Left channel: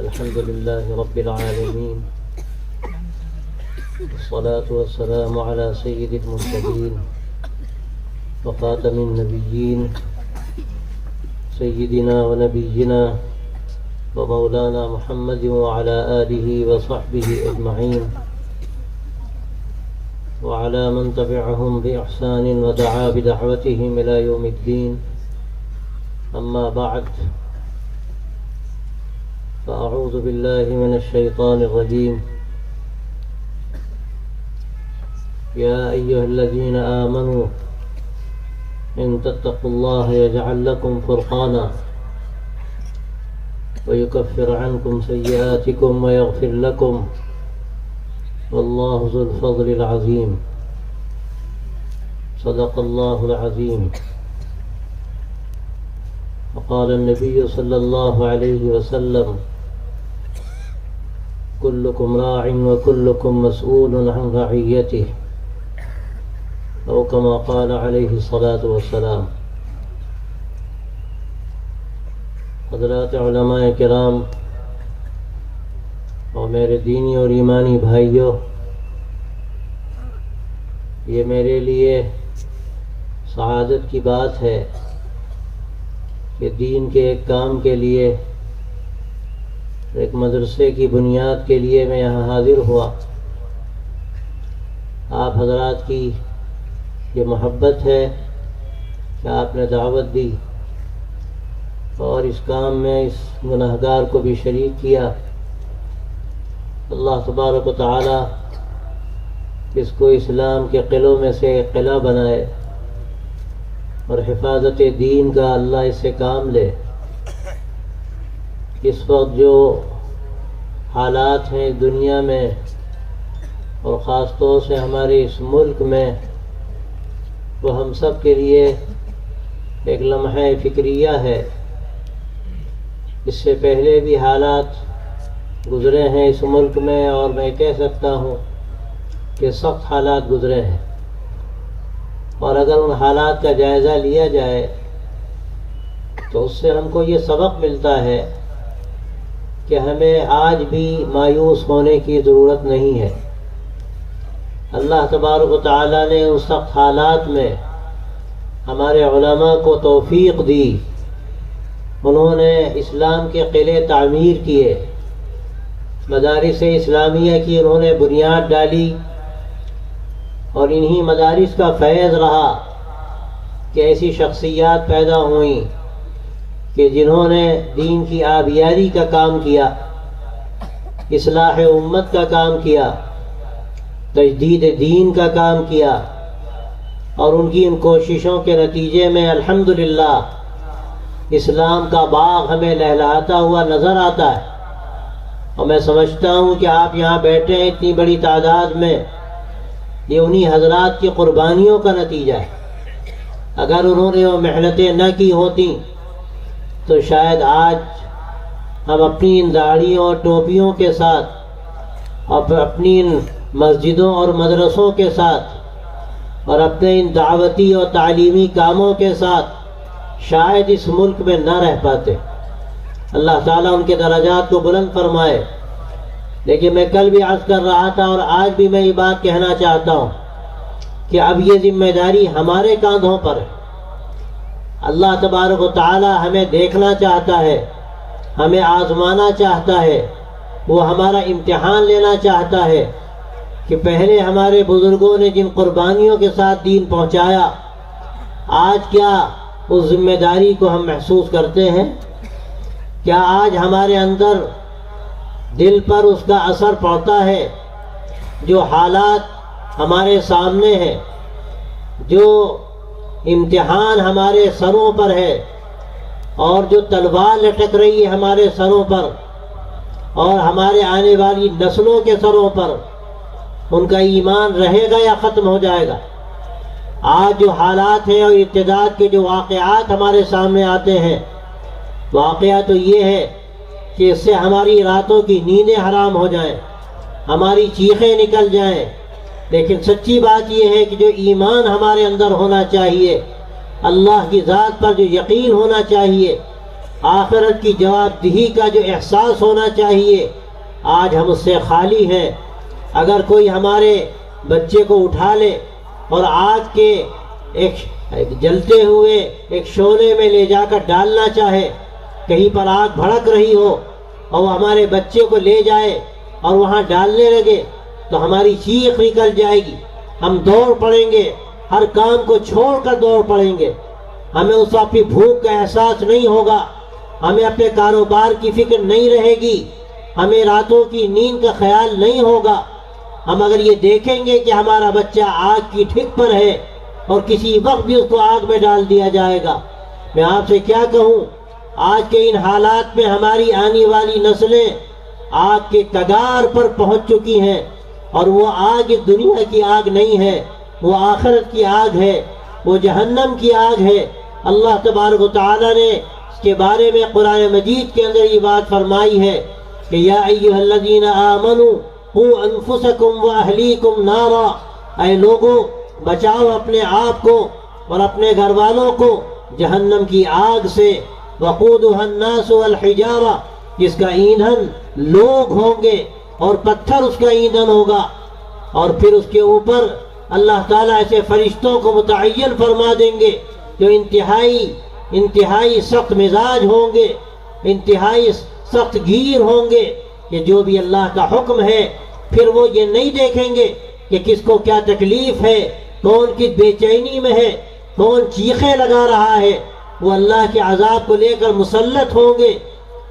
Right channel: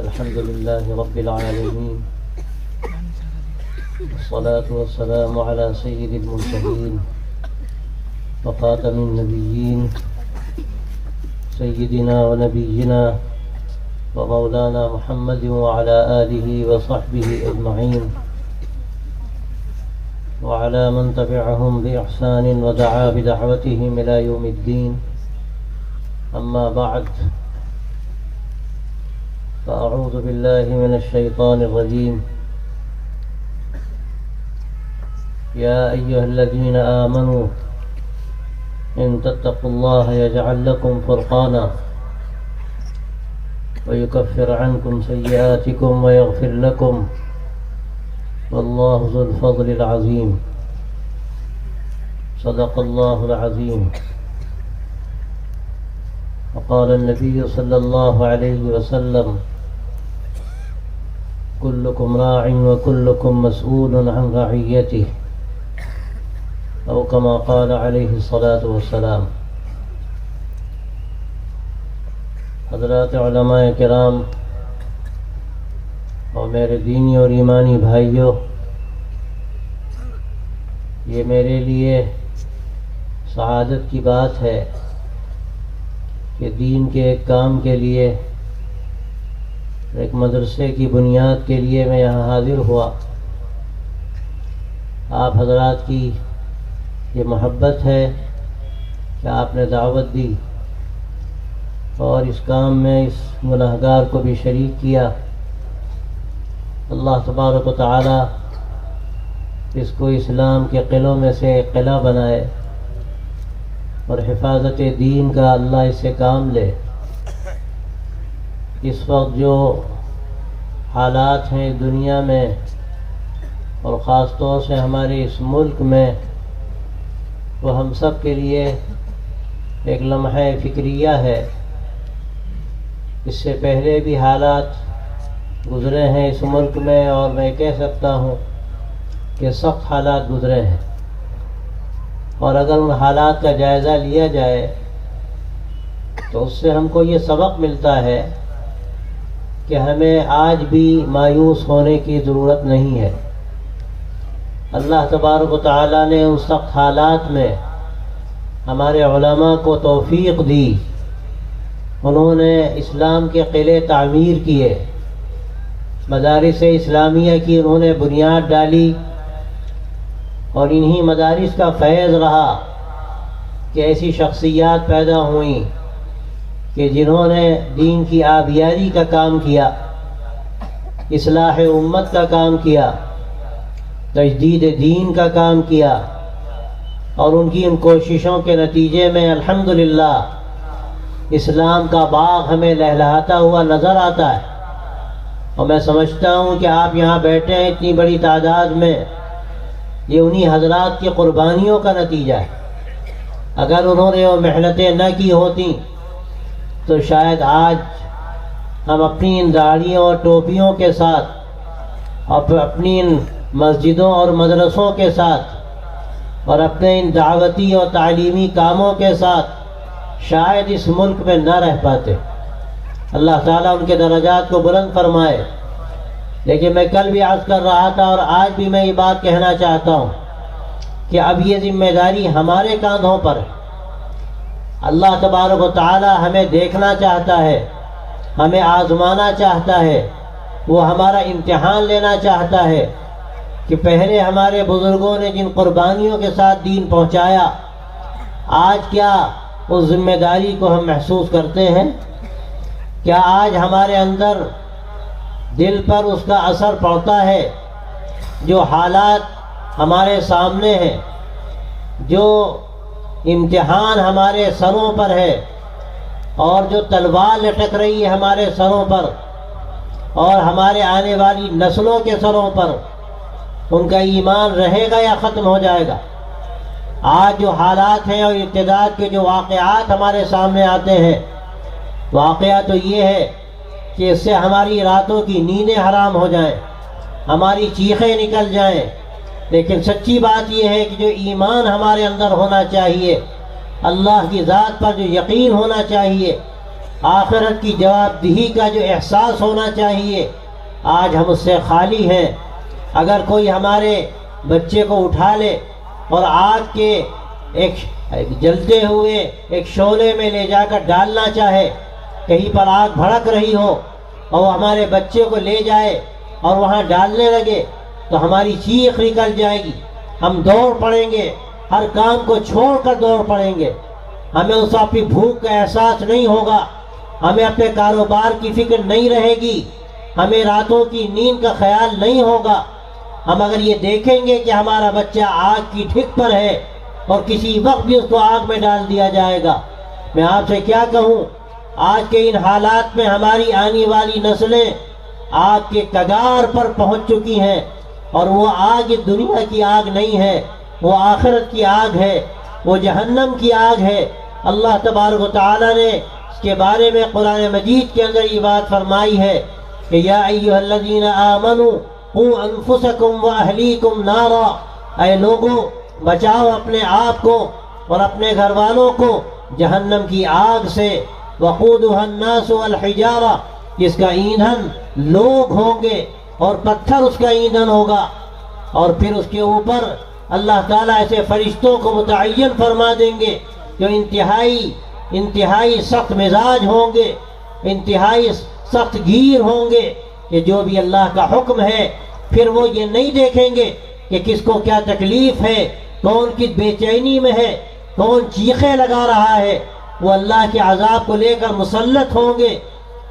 الحمد لله رب العالمين، والصلاة والسلام على سيد المرسلين وخاتم النبيين سيدنا ونبينا ومولانا محمد وعلى آله وصحبه أجمعين وعلى من تبعهم بإحسان ودعا بدعوتهم إلى يوم الدين. أما بعد، فأعوذ بالله من الشيطان الرجيم. يا أيها الذين آمنوا إن تتقوا الله يجعل لكم فرقانا ويكفر عنكم سيئاتكم ويغفر لكم والله ذو الفضل العظيم. صدق الله العظيم. وقال النبي صلى الله عليه وسلم: كلكم راع وكلكم مسؤول عن رعيته، أو كما قال عليه الصلاة والسلام. حضرات علماء کرام اور میرے دینی اور ایمانی بھائیوں، یہ میرے لیے سعادت کی بات ہے کہ دین کے ایک کام کے لیے، ایک مدرسے کی بنیاد کے لیے میں یہاں حاضر ہوا. آپ حضرات کی یہ محبت ہے کہ آپ نے دعوت دی اور اس کام میں اس گناہگار کو بھی شریک کیا. اللہ تبارک و تعالی اس کو اسلام کے قلعوں میں سے ایک قلعہ بنائے اور حفاظت دین کا اللہ اس سے کام لے. اس وقت جو حالات ہیں دنیا میں اور خاص طور سے ہمارے اس ملک میں، وہ ہم سب کے لیے ایک لمحہ فکریہ ہے. اس سے پہلے بھی حالات گزرے ہیں اس ملک میں، اور میں کہہ سکتا ہوں کہ سخت حالات گزرے ہیں. اور اگر ان حالات کا جائزہ لیا جائے تو اس سے ہم کو یہ سبق ملتا ہے کہ ہمیں آج بھی مایوس ہونے کی ضرورت نہیں ہے. اللہ تبارک و تعالیٰ نے اس سخت حالات میں ہمارے علماء کو توفیق دی. انہوں نے اسلام کے قلعے تعمیر کیے، مدارس اسلامیہ کی انہوں نے بنیاد ڈالی، اور انہی مدارس کا فیض رہا کہ ایسی شخصیات پیدا ہوئیں کہ جنہوں نے دین کی آبیاری کا کام کیا، اصلاح امت کا کام کیا، تجدید دین کا کام کیا. اور ان کی ان کوششوں کے نتیجے میں الحمدللہ اسلام کا باغ ہمیں لہلہاتا ہوا نظر آتا ہے. اور میں سمجھتا ہوں کہ آپ یہاں بیٹھے ہیں اتنی بڑی تعداد میں، یہ انہی حضرات کی قربانیوں کا نتیجہ ہے. اگر انہوں نے وہ محنتیں نہ کی ہوتی تو شاید آج ہم اپنی ان داڑھیوں اور ٹوپیوں کے ساتھ، اور اپنی ان مسجدوں اور مدرسوں کے ساتھ، اور اپنے ان دعوتی اور تعلیمی کاموں کے ساتھ شاید اس ملک میں نہ رہ پاتے. اللہ تعالیٰ ان کے درجات کو بلند فرمائے. لیکن میں کل بھی عرض کر رہا تھا اور آج بھی میں یہ بات کہنا چاہتا ہوں کہ اب یہ ذمہ داری ہمارے کاندھوں پر ہے. اللہ تبارک و تعالیٰ ہمیں دیکھنا چاہتا ہے، ہمیں آزمانا چاہتا ہے، وہ ہمارا امتحان لینا چاہتا ہے کہ پہلے ہمارے بزرگوں نے جن قربانیوں کے ساتھ دین پہنچایا، آج کیا اس ذمہ داری کو ہم محسوس کرتے ہیں؟ کیا آج ہمارے اندر دل پر اس کا اثر پڑتا ہے؟ جو حالات ہمارے سامنے ہیں، جو امتحان ہمارے سروں پر ہے، اور جو تلوار لٹک رہی ہے ہمارے سروں پر اور ہمارے آنے والی نسلوں کے سروں پر، ان کا ایمان رہے گا یا ختم ہو جائے گا؟ آج جو حالات ہیں اور ارتداد کے جو واقعات ہمارے سامنے آتے ہیں، واقعہ تو یہ ہے کہ اس سے ہماری راتوں کی نیندیں حرام ہو جائیں، ہماری چیخیں نکل جائیں. لیکن سچی بات یہ ہے کہ جو ایمان ہمارے اندر ہونا چاہیے، اللہ کی ذات پر جو یقین ہونا چاہیے، آخرت کی جواب دہی کا جو احساس ہونا چاہیے آج ہم اس سے خالی ہیں۔ اگر کوئی ہمارے بچے کو اٹھا لے اور آگ کے ایک جلتے ہوئے ایک شعلے میں لے جا کر ڈالنا چاہے، کہیں پر آگ بھڑک رہی ہو اور ہمارے بچے کو لے جائے اور وہاں ڈالنے لگے تو ہماری چیخ نکل جائے گی، ہم دوڑ پڑیں گے، ہر کام کو چھوڑ کر دوڑ پڑیں گے۔ ہمیں اس اپنی بھوک کا احساس نہیں ہوگا، ہمیں اپنے کاروبار کی فکر نہیں رہے گی، ہمیں راتوں کی نیند کا خیال نہیں ہوگا۔ ہم اگر یہ دیکھیں گے کہ ہمارا بچہ آگ کی ٹھک پر ہے اور کسی وقت بھی اس کو آگ میں ڈال دیا جائے گا، میں آپ سے کیا کہوں، آج کے ان حالات میں ہماری آنے والی نسلیں آگ کے کگار پر پہنچ چکی ہیں، اور وہ آگ اس دنیا کی آگ نہیں ہے، وہ آخرت کی آگ ہے، وہ جہنم کی آگ ہے۔ اللہ تبارک و تعالیٰ نے اس کے بارے میں قرآن مجید کے اندر یہ بات فرمائی ہے کہ یا ایھا الذین آمنوا قوا انفسکم واہلیکم نارا، اے لوگوں بچاؤ اپنے آپ کو اور اپنے گھر والوں کو جہنم کی آگ سے، وقودها الناس والحجارہ، جس کا ایندھن لوگ ہوں گے اور پتھر اس کا ایندھن ہوگا، اور پھر اس کے اوپر اللہ تعالیٰ ایسے فرشتوں کو متعین فرما دیں گے جو انتہائی سخت مزاج ہوں گے، انتہائی سخت گیر ہوں گے، کہ جو بھی اللہ کا حکم ہے پھر وہ یہ نہیں دیکھیں گے کہ کس کو کیا تکلیف ہے، کون کس بے چینی میں ہے، کون چیخیں لگا رہا ہے، وہ اللہ کے عذاب کو لے کر مسلط ہوں گے۔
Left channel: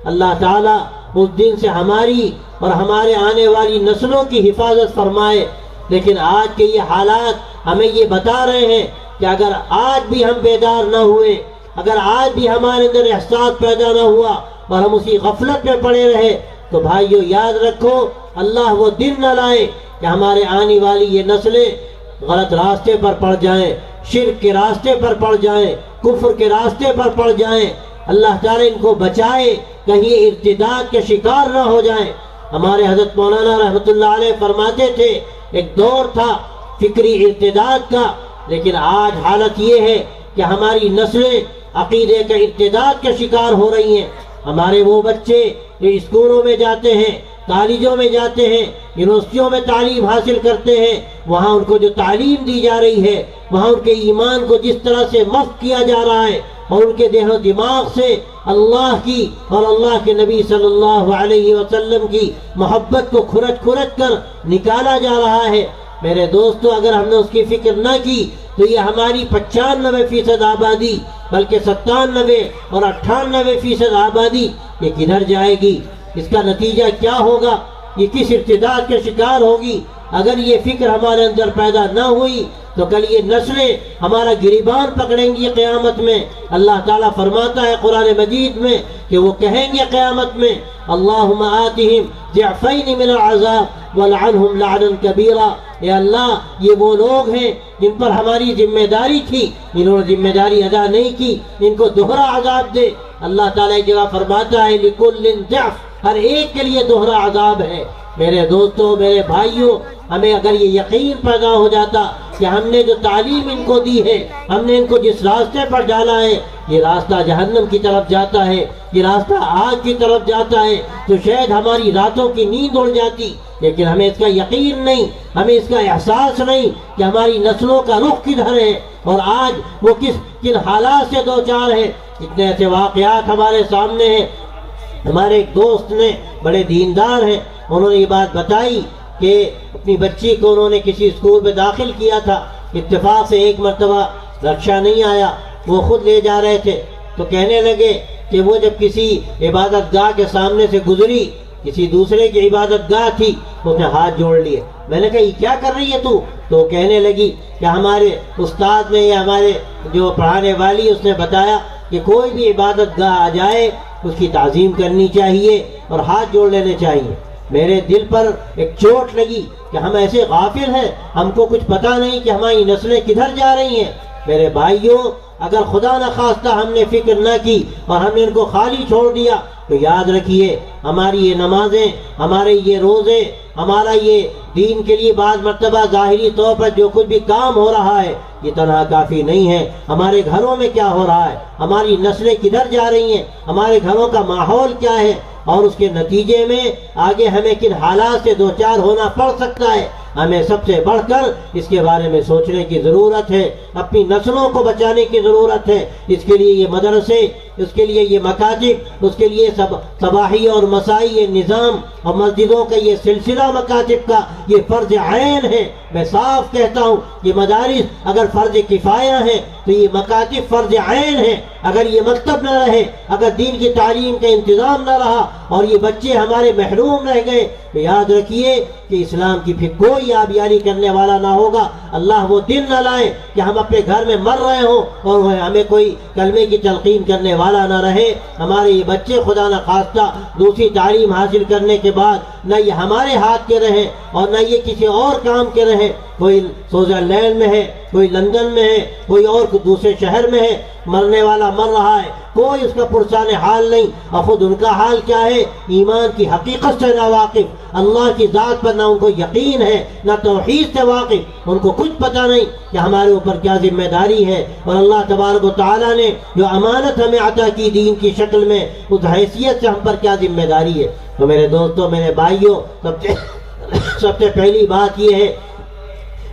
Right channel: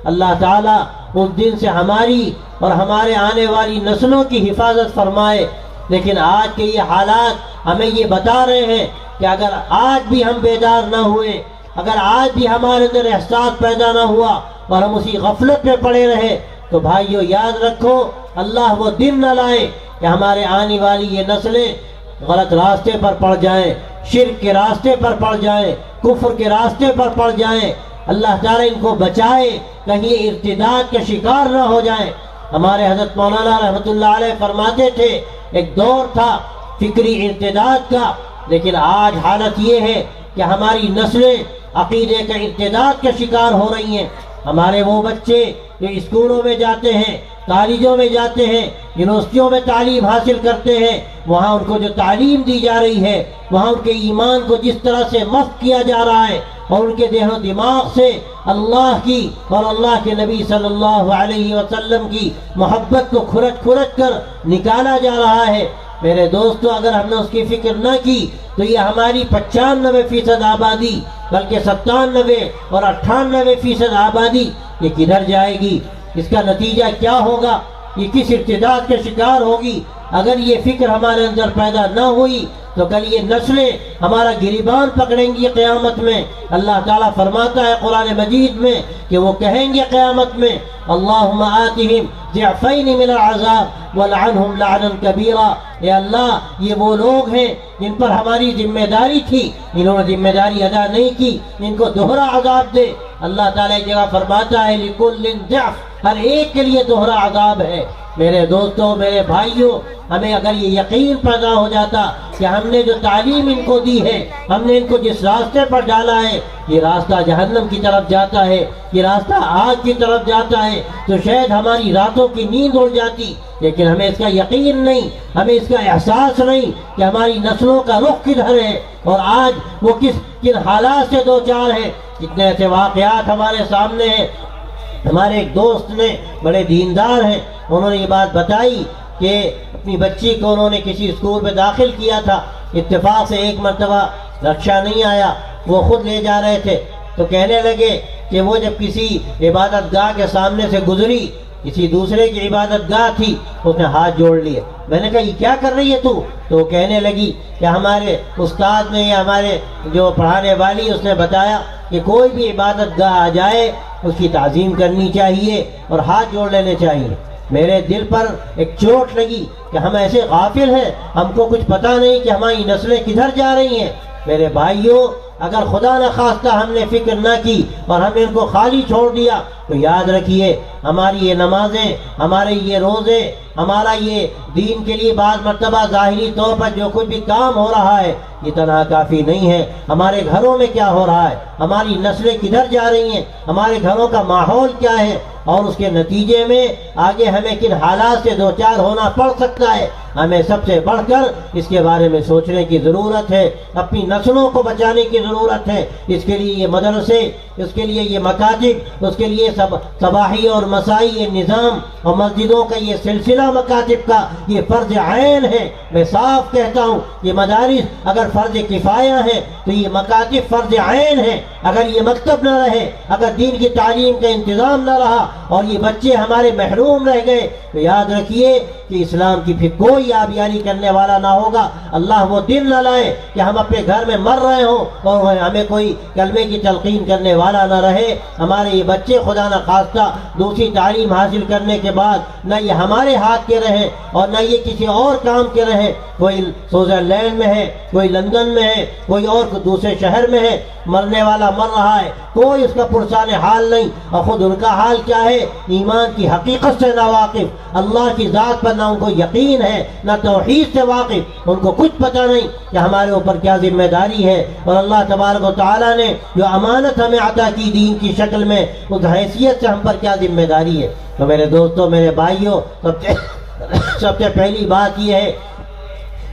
اللہ تعالیٰ اس دن سے ہماری اور ہمارے آنے والی نسلوں کی حفاظت فرمائے۔ لیکن آج کے یہ حالات ہمیں یہ بتا رہے ہیں کہ اگر آج بھی ہم بیدار نہ ہوئے، اگر آج بھی ہمارے اندر احساس پیدا نہ ہوا اور ہم اسی غفلت میں پڑے رہے، تو بھائیو یاد رکھو اللہ وہ دن نہ لائے کہ ہمارے آنے والی یہ نسلیں غلط راستے پر پڑ جائیں، شرک کے راستے پر پڑ جائیں، کفر کے راستے پر پڑ جائیں۔ اللہ تعالیٰ ان کو بچائے کہیں یہ ارتداد کے شکار نہ ہو جائیں۔ ہمارے حضرت مولانا رحمۃ اللہ علیہ فرماتے تھے ایک دور تھا فکری ارتداد کا، لیکن آج حالت یہ ہے کہ ہماری نسلیں عقیدے کے ارتداد کے شکار ہو رہی ہیں۔ ہمارے وہ بچے جو اسکولوں میں جاتے ہیں، کالجوں میں جاتے ہیں، یونیورسٹیوں میں تعلیم حاصل کرتے ہیں، وہاں ان کو جو تعلیم دی جا رہی ہے، وہاں ان کے ایمان کو جس طرح سے مسخ کیا جا رہا ہے اور ان کے ذہن و دماغ سے اللہ کی اور اللہ کے نبی صلی اللہ علیہ وسلم کی محبت کو کھرچ کر نکالا جا رہا ہے۔ میرے دوستو، اگر ہم نے اس کی فکر نہ کی تو یہ ہماری 95% آبادی بلکہ 97 اور 98% آبادی یہ کدھر جائے گی؟ اس کا نتیجہ کیا ہوگا؟ یہ کس ارتداد کے شکار ہوگی؟ اگر یہ فکر ہمارے اندر پیدا نہ ہوئی تو کل یہ نسلیں ہمارا گریبان پکڑیں گی قیامت میں۔ اللہ تعالیٰ فرماتا ہے قرآن مجید میں کہ وہ کہیں گے قیامت میں اللہم آتہم ضعفین من العذاب ولعنہم لعنا کبیرا، اے اللہ یہ وہ لوگ ہیں جن پر ہماری ذمہ داری تھی، انہوں نے ذمہ داری ادا نہیں کی، ان کو دوہرا عذاب دے۔ اللہ تعالیٰ ایک جگہ فرماتا ہے لکل ضعف، ہر ایک کے لیے دوہرا عذاب ہے۔ میرے دوستوں، میرے بھائیوں، ہمیں اگر یہ یقین پیدا ہو جاتا کہ ہم نے جو تعلیم ان کو دی ہے، ہم نے ان کو جس راستے پر ڈالا ہے یہ راستہ جہنم کی طرف جاتا ہے، یہ راستہ آگ کی طرف جاتا ہے، تو شاید ہماری راتوں کی نیند اڑ جاتی۔ لیکن ہمیں اس کا یقین نہیں، ہمیں اس کا احساس نہیں کہ ہماری نسلوں کا رخ کدھر ہے اور آج وہ کن حالات سے دو چار ہے۔ اتنے ایسے واقعات ہمارے سامنے ہیں۔ ہمارے ایک دوست نے، بڑے دیندار ہیں، انہوں نے یہ بات بتائی کہ اپنی بچی کو انہوں نے کسی اسکول میں داخل کیا تھا، اتفاق سے ایک مرتبہ رکشا نہیں آیا، وہ خود لے جا رہے تھے، تو کہنے لگے کہ وہ جب کسی عبادت گاہ کے سامنے سے گزری، کسی دوسرے کی عبادت گاہ تھی، تو اس نے ہاتھ جوڑ لیے۔ میں نے کہا یہ کیا کر رہی ہے تو وہ کہنے لگی کہ ہمارے استاد نے یا ہمارے جو پڑھانے والی اس نے بتایا کہ کوئی بھی عبادت گاہ آ جائے اس کی تعظیم کرنی چاہیے اور ہاتھ جوڑ لینے چاہیے۔ میرے دل پر ایک چوٹ لگی کہ ہم ایسے غافل ہیں، ہم کو کچھ پتہ نہیں کہ ہماری نسلیں کدھر جا رہی ہیں۔ میرے بھائیوں، اگر خدا نخواستہ ہم نے فکر نہ کی اور ہم نے ان کو خالی چھوڑ دیا تو یاد رکھیے ہماری یہ نمازیں، ہمارے یہ روزے، ہمارا یہ دین کے لیے بعض مرتبہ ظاہری طور پر جو کچھ بھی کام ہو رہا ہے یہ تنہا کافی نہیں ہے. ہمارے گھروں میں کیا ہو رہا ہے، ہماری نسلیں کدھر جا رہی ہیں، ہمارے گھروں کا ماحول کیا ہے، اور اس کے نتیجے میں آگے ہمیں کن حالات سے دوچار ہونا پڑ سکتا ہے. ہمیں سب سے بڑھ کر اس کے بارے میں سوچنے کی ضرورت ہے. اپنی نسلوں کو بچانے کی ضرورت ہے. اس کے لیے یہ مدرسے، اس کے لیے یہ مکاتب، اس کے لیے صباحی اور مسائی یہ نظام اور مسجدوں کا یہ سلسلہ مکاتب کا یہ فرض عین ہے. میں صاف کہتا ہوں یہ مدارس اگر فرض کفایہ ہے تو یہ مکاتب فرض عین ہے. اگر یہ مکتب نہ رہے، اگر دین کی تعلیم کا انتظام نہ رہا اور یہ بچے ہمارے محروم رہ گئے تو یاد رکھیے کہ اسلام کی پھر کوئی آبیاری کرنے والا نہ ہوگا. اللہ وہ دن نہ لائے کہ ہم اپنے گھر میں مر رہے ہوں اور ہمیں کوئی کلمے کی تلقین کرنے والا نہ رہے. ہمارے یہ بچے خدا نہ خواستہ دوسری تعلیم حاصل کرنے کے بعد نہ یہ ہمارے ہاتھ کے رہیں اور نہ یہ کسی اور کام کے رہیں. کوئی سوئٹزرلینڈ میں ہے، کوئی لندن میں ہے، کوئی اور دوسرے شہر میں ہے، مرنے والا مر رہا ہے، کوئی اس کا پرسان حال نہیں. اور خود ان کا حال کیا ہے، ایمان کی حقیقت سے ناواقف، اللہ کی ذات پر نہ ان کو یقین ہے نہ توحید سے واقف. ان کو کچھ پتہ نہیں کہ ہمارے اوپر کیا ذمہ داری ہے اور اللہ تبارک و تعالیٰ نے جو امانت ہمیں عطا کی دین کی شکل میں اس حیثیت سے ہم پر کیا ذمہ داری ہے. تو میرے دوستوں، میرے بھائیوں، سب سے پہلی بات یہ ہے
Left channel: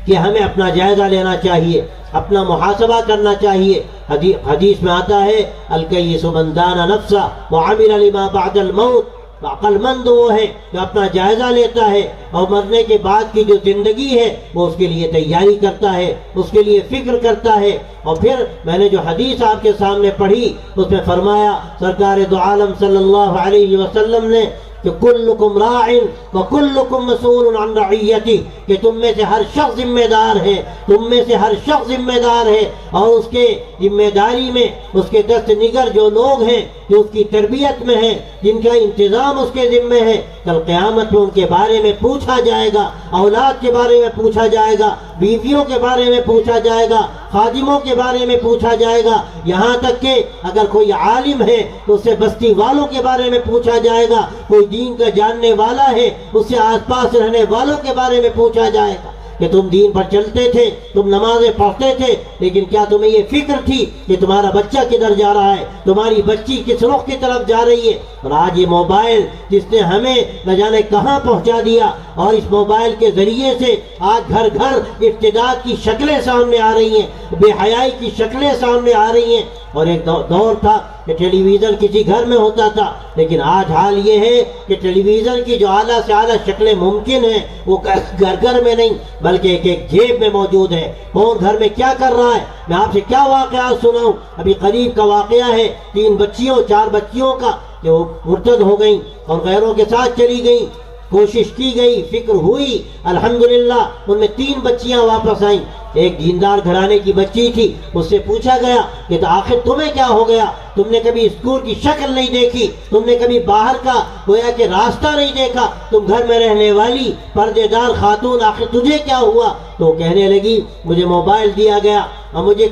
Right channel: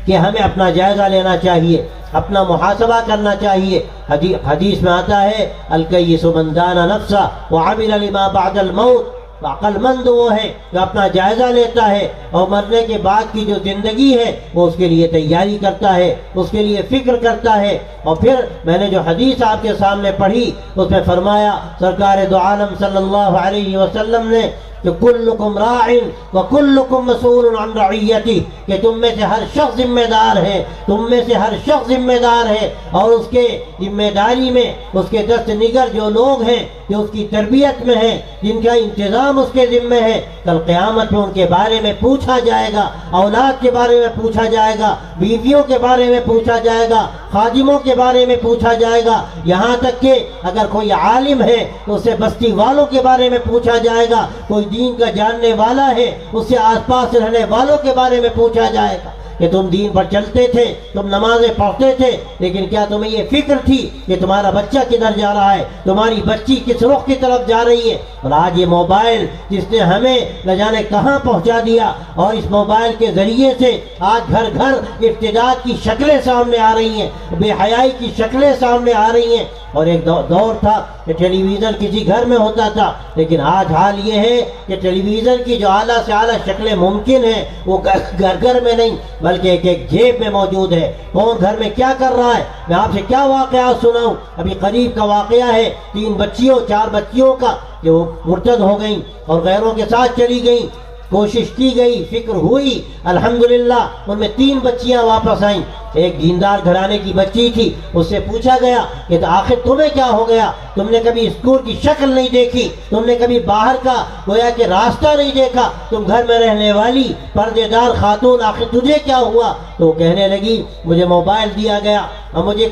کہ ہمیں اپنا جائزہ لینا چاہیے، اپنا محاسبہ کرنا چاہیے. حدیث میں آتا ہے الکیس من دان نفسہ وعمل لما بعد الموت. عقل مند وہ ہے جو اپنا جائزہ لیتا ہے اور مرنے کے بعد کی جو زندگی ہے وہ اس کے لیے تیاری کرتا ہے، اس کے لیے فکر کرتا ہے. اور پھر میں نے جو حدیث آپ کے سامنے پڑھی اس میں فرمایا سرکار دو عالم صلی اللہ علیہ وسلم نے کہ کلکم راع وکلکم مسئول عن رعیتہ، کہ تم میں سے ہر شخص ذمہ دار ہے، تم میں سے ہر شخص ذمہ دار ہے اور اس کے ذمہ داری میں اس کے دست نگر جو لوگ ہیں جو اس کی تربیت میں ہیں، جن کا انتظام اس کے ذمہ ہے، کل قیامت میں ان کے بارے میں پوچھا جائے گا، اولاد کے بارے میں پوچھا جائے گا، بیویوں کے بارے میں پوچھا جائے گا، خادموں کے بارے میں پوچھا جائے گا، یہاں تک کہ اگر کوئی عالم ہے تو اسے بستی والوں کے بارے میں پوچھا جائے گا، کوئی دین کا جاننے والا ہے اس سے آس پاس رہنے والوں کے بارے میں پوچھا جائے گا کہ تم دین پر چلتے تھے، تم نمازیں پڑھتے تھے، لیکن کیا تمہیں یہ فکر تھی کہ تمہارا بچہ کدھر جا رہا ہے، تمہاری بچی کس رخ کی طرف جا رہی ہے. اور آج یہ موبائل جس نے ہمیں نہ جانے کہاں پہنچا دیا، اور اس موبائل کے ذریعے سے آج گھر گھر ارتداد کی شکلیں سامنے آ رہی ہیں، بے حیائی کی شکلیں سامنے آ رہی ہیں. اور ایک دور تھا کہ ٹیلی ویژن کسی گھر میں ہوتا تھا، لیکن آج حال یہ ہے کہ ٹیلی ویژن کی جو اعلیٰ سے اعلیٰ شکلیں ممکن ہیں وہ گھر گھر میں نہیں بلکہ ایک ایک جیب میں موجود ہے. کون گھر میں کیا کر رہا ہے، میں آپ سے کیا واقعات سناؤں. ابھی قریب کا واقعہ ہے 4 بچیوں کا جو مرتد ہو گئیں اور غیروں کے ساتھ چلی گئیں. کوشش کی گئی، فکر ہوئی، الحمدللہ ان میں 3 بچیاں واپس آئیں. ایک دیندار گھرانے کی بچی تھی، اس سے پوچھا گیا کہ تو آخر تمہیں کیا ہو گیا، تم نے کبھی اسکول کی شکل نہیں دیکھی، تم نے کبھی باہر کا گویا کہ راستہ نہیں دیکھا، تم گھر میں رہنے والی پردے دار خاتون، آخر تجھے کیا ہوا؟ تو کہنے لگی مجھے موبائل دیا گیا اور مجھے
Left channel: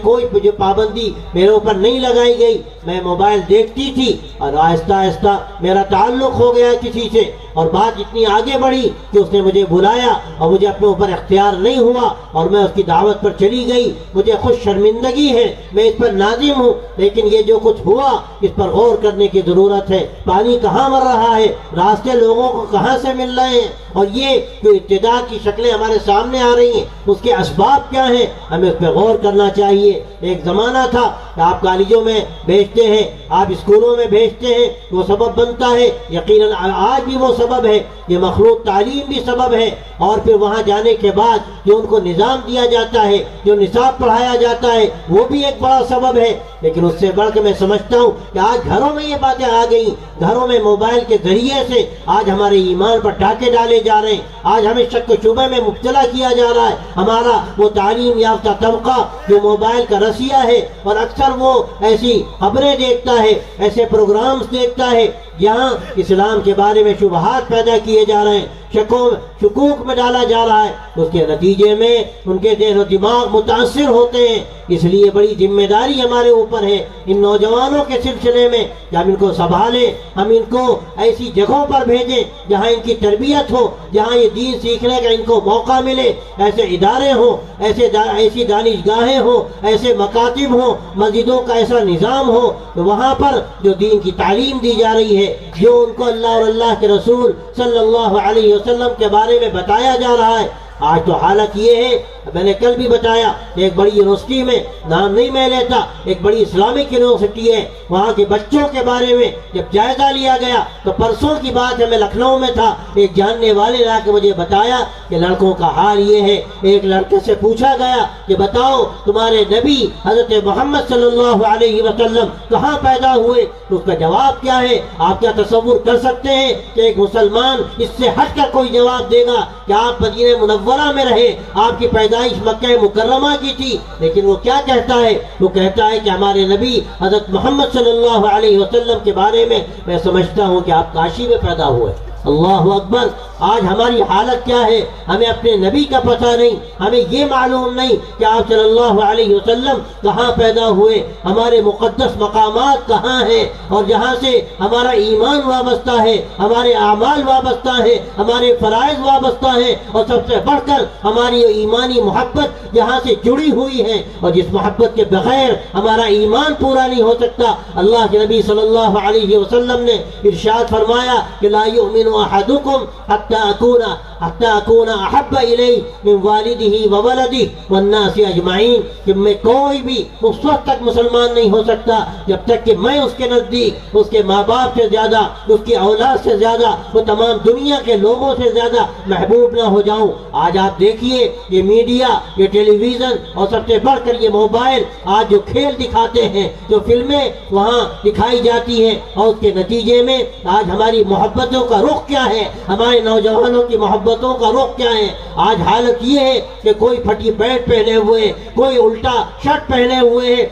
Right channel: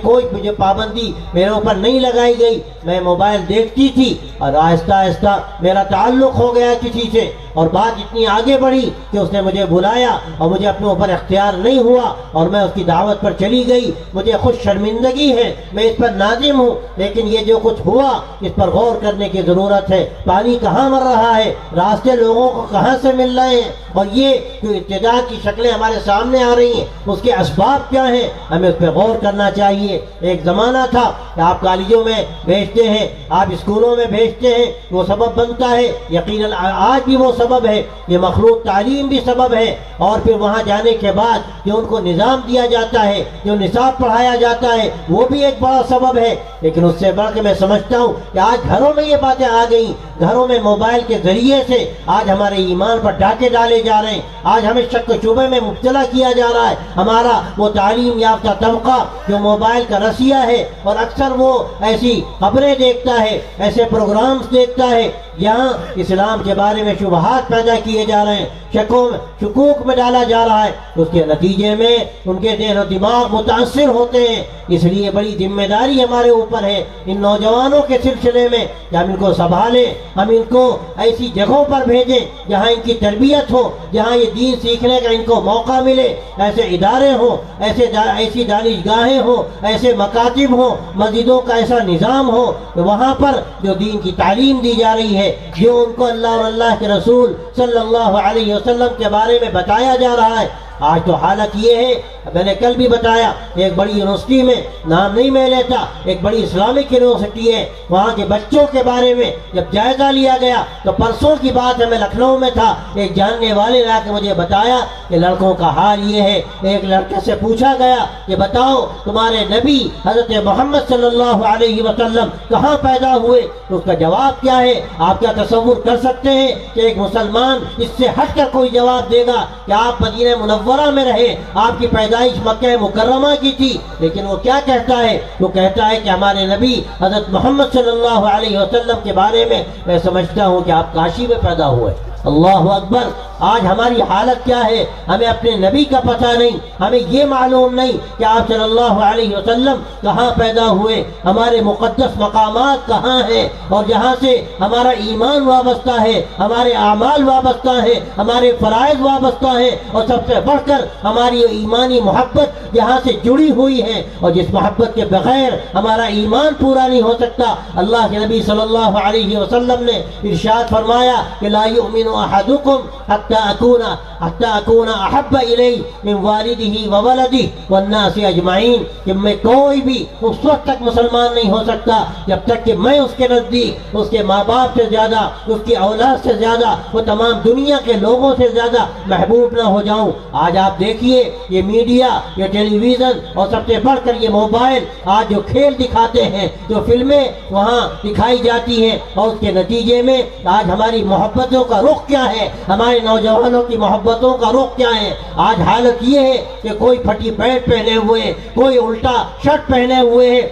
پابندی میرے اوپر نہیں لگائی گئی، میں موبائل دیکھتی تھی اور آہستہ آہستہ میرا تعلق ہو گیا کسی سے، اور بات اتنی آگے بڑھی کہ اس نے مجھے بلایا اور مجھے اپنے اوپر اختیار نہیں ہوا اور میں اس کی دعوت پر چلی گئی. مجھے خود شرمندگی ہے، میں اس پر نادم ہوں، لیکن یہ جو کچھ ہوا اس پر غور کرنے کی ضرورت ہے. پانی کہاں مر رہا ہے، راستے لوگوں کو کہاں سے مل رہے ہیں، اور یہ جو ارتداد کی شکلیں ہمارے سامنے آ رہی ہیں اس کے اسباب کیا ہیں، ہمیں اس پہ غور کرنا چاہیے. ایک زمانہ تھا کہ آپ کالجوں میں بھیجتے ہیں، آپ اسکولوں میں بھیجتے ہیں، وہ سبب بنتا ہے، یقیناً آج بھی وہ سبب ہے، یہ مخلوط تعلیم بھی سبب ہے. اور پھر وہاں جانے کے بعد جو ان کو نظام دیا جاتا ہے، جو نصاب پڑھایا جاتا ہے، وہ بھی ایک بڑا سبب ہے. لیکن اس سے بڑھ کے میں سمجھتا ہوں کہ آج گھروں میں یہ باتیں آ گئی، گھروں میں موبائل کے ذریعے سے آج ہمارے ایمان پر ڈاکے ڈالے جا رہے ہیں، آج ہمیں شک و شبہ میں مبتلا کیا جا رہا ہے. ہمارا وہ تعلیم یافتہ طبقہ جو موبائل کا رسیہ ہے اور اکثر وہ ایسی خبریں دیکھتا ہے، ایسے پروگرامز دیکھتا ہے جہاں اسلام کے بارے میں شبہات پیدا کیے جا رہے ہیں، شکوک میں ڈالا جا رہا ہے، اس کے نتیجے میں ان کے ذہن و دماغ متاثر ہوتے ہیں۔ اس لیے بڑی ذمہ داری ہمارے اوپر ہے ان نوجوانوں کے سلسلے میں کہ ہم ان کو سنبھالیں، ہم ان کو ایسی جگہوں پر بھیجیں جہاں ان کی تربیت ہو، جہاں یہ دین سیکھنے کا ان کو موقع ملے، ایسے ادارے ہوں، ایسی دانشگاہیں ہوں، ایسے مکاتب ہوں، مسجدوں کا ایسا نظام ہو کہ وہاں پر جو دین کی تعلیم دی جا رہی ہے، جو ان کو اللہ اور اللہ کے رسول صلی اللہ علیہ وسلم کے بارے میں بتایا جا رہا ہے۔ آج تو حالت یہ ہے، میں نے کل بھی بتایا، ایک بڑی یونیورسٹی میں، نام نہیں میں لیتا، ایک بڑی اسلامک یونیورسٹی ہے، وہاں کے بچوں کے بارے میں جب جائزہ لیا گیا تو پرسوں کی بات ہے، میں لکھنؤ میں تھا، ایک جاننے والے لا کے مجھے بتایا کہ لڑکوں کا حال یہ ہے۔ ایک لڑکے سے پوچھا گیا کہ بتاؤ تمہارے نبی حضرت محمد صلی اللہ علیہ وسلم کہاں پیدا ہوئے؟ تو اس کا جواب کیا ہے؟ آپ کیا تصور کر سکتے ہیں کہ ایک مسلمان اس سے ہٹ کر کوئی جواب دے گا کہ آپ مدینہ منورہ میں رہے، آپ کی پیدائش مکہ مکرمہ کی تھی؟ لیکن وہ کیا کہتا ہے؟ وہ کہتا ہے کہ ہمارے نبی حضرت محمد صلی اللہ علیہ وسلم کے بارے میں سمجھتا ہوں کہ آپ کاشی میں پیدا ہوئے۔ اللہ اکبر! آج ہماری حالت کیا ہے؟ ہمیں اپنے نبی کا پتہ نہیں، ہمیں یہ معلوم نہیں کہ آپ صلی اللہ علیہ وسلم کہاں پیدا ہوئے، ہمارے مقدس مقامات کہاں ہیں، اور جہاں سے ہمارا ایمان وابستہ ہے، ہمارے اعمال وابستہ ہے، ہمارے فرائض وابستہ ہے، اور سب سے بڑھ کر ہماری ایمانی محبت جہاں سے جڑی ہوئی ہے، اور جس محبت کے بغیر ہمارا ایمان پورا نہیں ہو سکتا۔ اللہ کے نبی صلی اللہ علیہ وسلم نے ارشاد فرمایا کہ لا یؤمن احدکم حتی اکون احب الیہ من والدہ وولدہ والناس اجمعین، کہ میں کوئی بھی اس وقت تک مسلمان نہیں ہو سکتا جب تک کہ میں اس کے نزدیک اس کے ماں باپ سے زیادہ، اس کی اولاد سے زیادہ، وہ تمام دنیا کے لوگوں سے زیادہ محبوب نہ ہو جاؤں۔ آج آپ دیکھیے یہ میڈیا، یہ ٹیلی ویژن، اور سب سے بڑھ کر یہ موبائل، آج جو کھیل دکھاتے ہیں، جو فلمیں وہاں دکھائی جاتی ہیں، اور اس کے نتیجے میں آج ہماری محبتوں کا رخ کیا ہے، ہمارے نوجوانوں کی محبتوں کا رخ کیا ہے؟ آج حالت یہ ہے کہ کوئی پھٹی پینٹ پہنے ہوئے، کوئی الٹا شرٹ پہنے ہوئے ہے،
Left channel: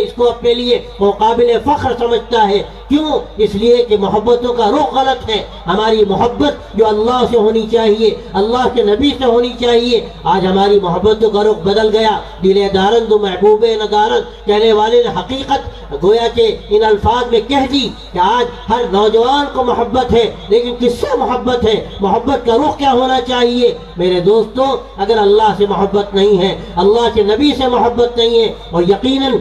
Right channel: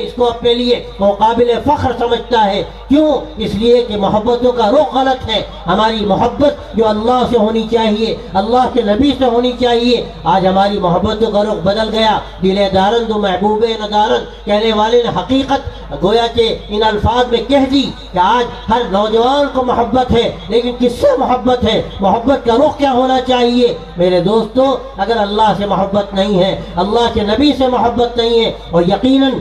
اس کو اپنے لیے وہ قابل فخر سمجھتا ہے۔ کیوں؟ اس لیے کہ محبتوں کا رخ غلط ہے۔ ہماری محبت جو اللہ سے ہونی چاہیے، اللہ کے نبی سے ہونی چاہیے، آج ہماری محبتوں کا رخ بدل گیا۔ دل دارن دو محبوب ندارن کہنے والے نے حقیقت گویا کہ ان الفاظ میں کہہ دی کہ آج ہر نوجوان کو محبت ہے، لیکن کس سے محبت ہے؟ محبت کا رخ کیا ہونا چاہیے؟ میرے دوستو، اگر اللہ سے محبت نہیں ہے، اللہ کے نبی سے محبت نہیں ہے، اور یقیناً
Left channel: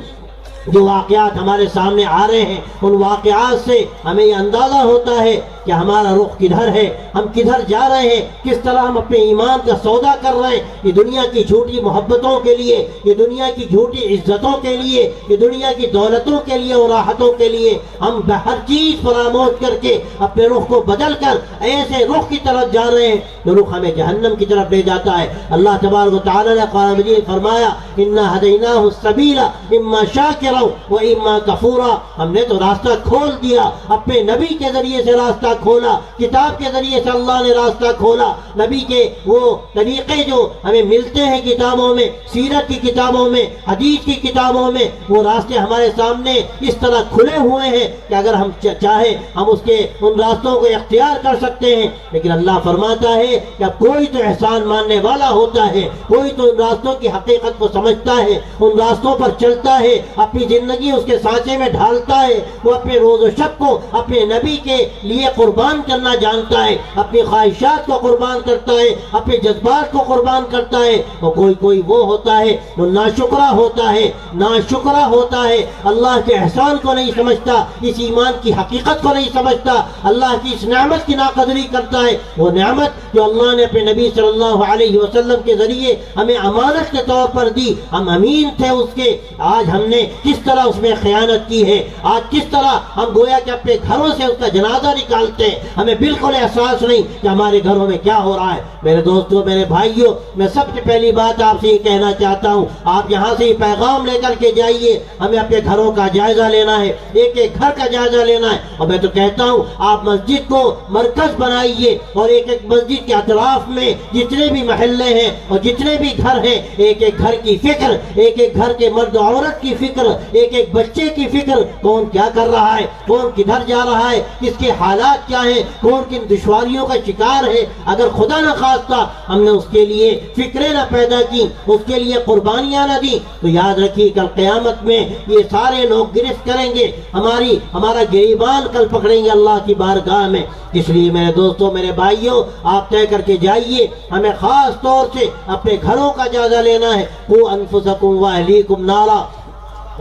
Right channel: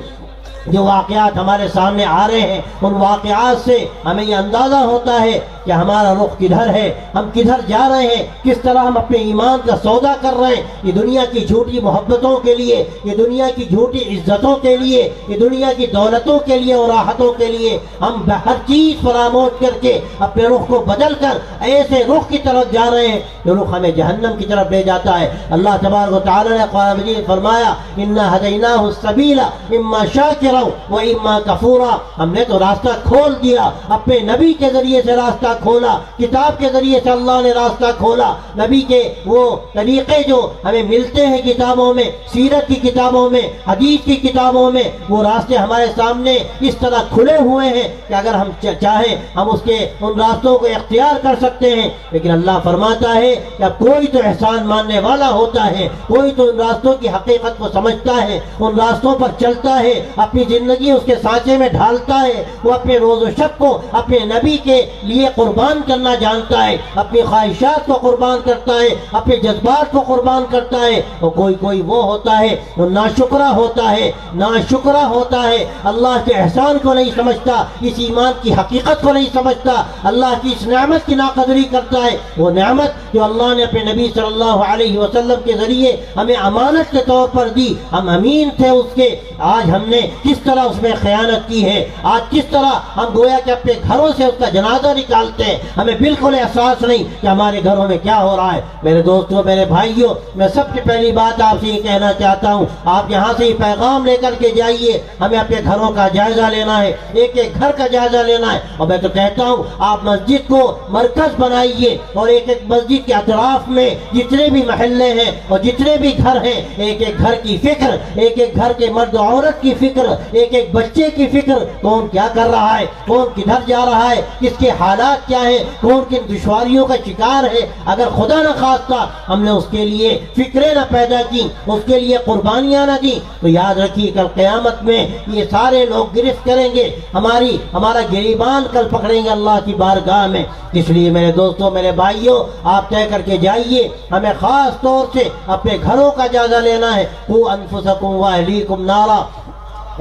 جو واقعات ہمارے سامنے آ رہے ہیں، ان واقعات سے ہمیں یہ اندازہ ہوتا ہے کہ ہمارا رخ کدھر ہے، ہم کدھر جا رہے ہیں، کس طرح ہم اپنے ایمان کا سودا کر رہے ہیں۔ یہ دنیا کی جھوٹی محبتوں کے لیے، یہ دنیا کی جھوٹی عزتوں کے لیے، یہ دنیا کی دولتوں کے لیے اور راحتوں کے لیے ہم ہر چیز فراموش کر کے اپنے رخ کو بدل کر ایسے رخ کی طرف جا رہے ہیں جو رخ ہمیں جہنم کی طرف لے جاتا ہے۔ اللہ تبارک و تعالی نے قرآن مجید میں فرمایا انا ہدیناہ السبیل اما شاکرا و اما کفورا، ہم نے تو راستہ کھول دیا، اپنے نبی کے ذریعے سے راستہ کھولا، کتاب کے ذریعے سے اللہ نے راستہ کھولا۔ نبی کے وہ طریقے جو ہمیں ملتے ہیں کتابوں میں، سیرت کی کتابوں میں، حدیث کی کتابوں میں، وہ راستے ہمارے سامنے اس طرح کھلے ہوئے ہیں کہ اگر ہم چاہیں ہم اس کے ان راستوں کو اختیار کر سکتے ہیں۔ لیکن اللہ فرماتا ہے کہ اب کوئی تو احسان ماننے والا ہوتا ہے، کوئی تو ان راستوں کی حقیقت کو سمجھتا ہے، ان راستوں پر چلتا ہے، اپنی زندگی اس کے سانچے میں ڈھالتا ہے، وہ اپنے روز و شب کو اپنے نبی کے لیے قربان کرنا جانتا ہے، اپنی خواہشات کو قربان کرتا ہے، اپنے جذبات کو قربان کرتا ہے۔ اور کوئی وہ ہوتا ہے جو ناشکرا ہوتا ہے، ناشکرا ہوتا ہے، اللہ کے احسان کو نہیں سمجھتا، اس ایمان کی حقیقت کو نہیں سمجھتا، اللہ کی اس نعمت کی ناقدری کرتا ہے۔ وہ نعمت جو اللہ نے اپنے نبی صلی اللہ علیہ وسلم کے ذریعے ہمیں امانت کے طور پر دی، ہم امین تھے اس کے، آج ہم نے کس طرح اس میں خیانت کی ہے، آج کس طرح ہم گویا کہ اپنے گھروں سے اس کا جنازہ نکال ڈالتے ہیں، ہمیں بالکل احساس نہیں کہ ہمارے گھروں میں کیا ہو رہا ہے۔ میرے دوستوں، میرے بھائیوں، میں سب سے پہلی بات آپ سے یہ کہنا چاہتا ہوں، آپ یہاں سے یہ پیغام لے کر کے جائیے، ہمیں اپنے گھروں کا جائزہ لینا ہے، ایک ایک گھر کا جائزہ لینا ہے۔ اور میں تو کہتا ہوں آپ مسجد کو مرکز بنائیے، اور ایک ایک مسجد کے اطراف میں جتنے بھی محلے ہیں اور جتنے بھی گھر ہیں، ایک ایک گھر کی فکر، ایک ایک گھر کے مرد و عورت کی فکر، ایک ایک بچے کی فکر، کون کیا کر رہا ہے، کون کدھر جا رہا ہے، کس کے حالات کیا ہیں، کون کن دشواریوں کا شکار ہے۔ اگر خدا نہ خواستہ ہم نے اس کے لیے فکریں نہ پیدا کی، اس کے لیے قربانیاں نہ دی، تو یاد رکھیے کل قیامت میں یہ سارے لوگ گرفت کریں گے، ہمارا گریبان کل پکڑیں گے اللہ کی بارگاہ میں۔ اس لیے میرے دوستوں، میرے بھائیوں، آپ طے کر کے جائیے، ہمیں خاص طور سے اپنے گھروں کا جائزہ لینا ہے۔ قوا انفسکم واہلیکم نارا،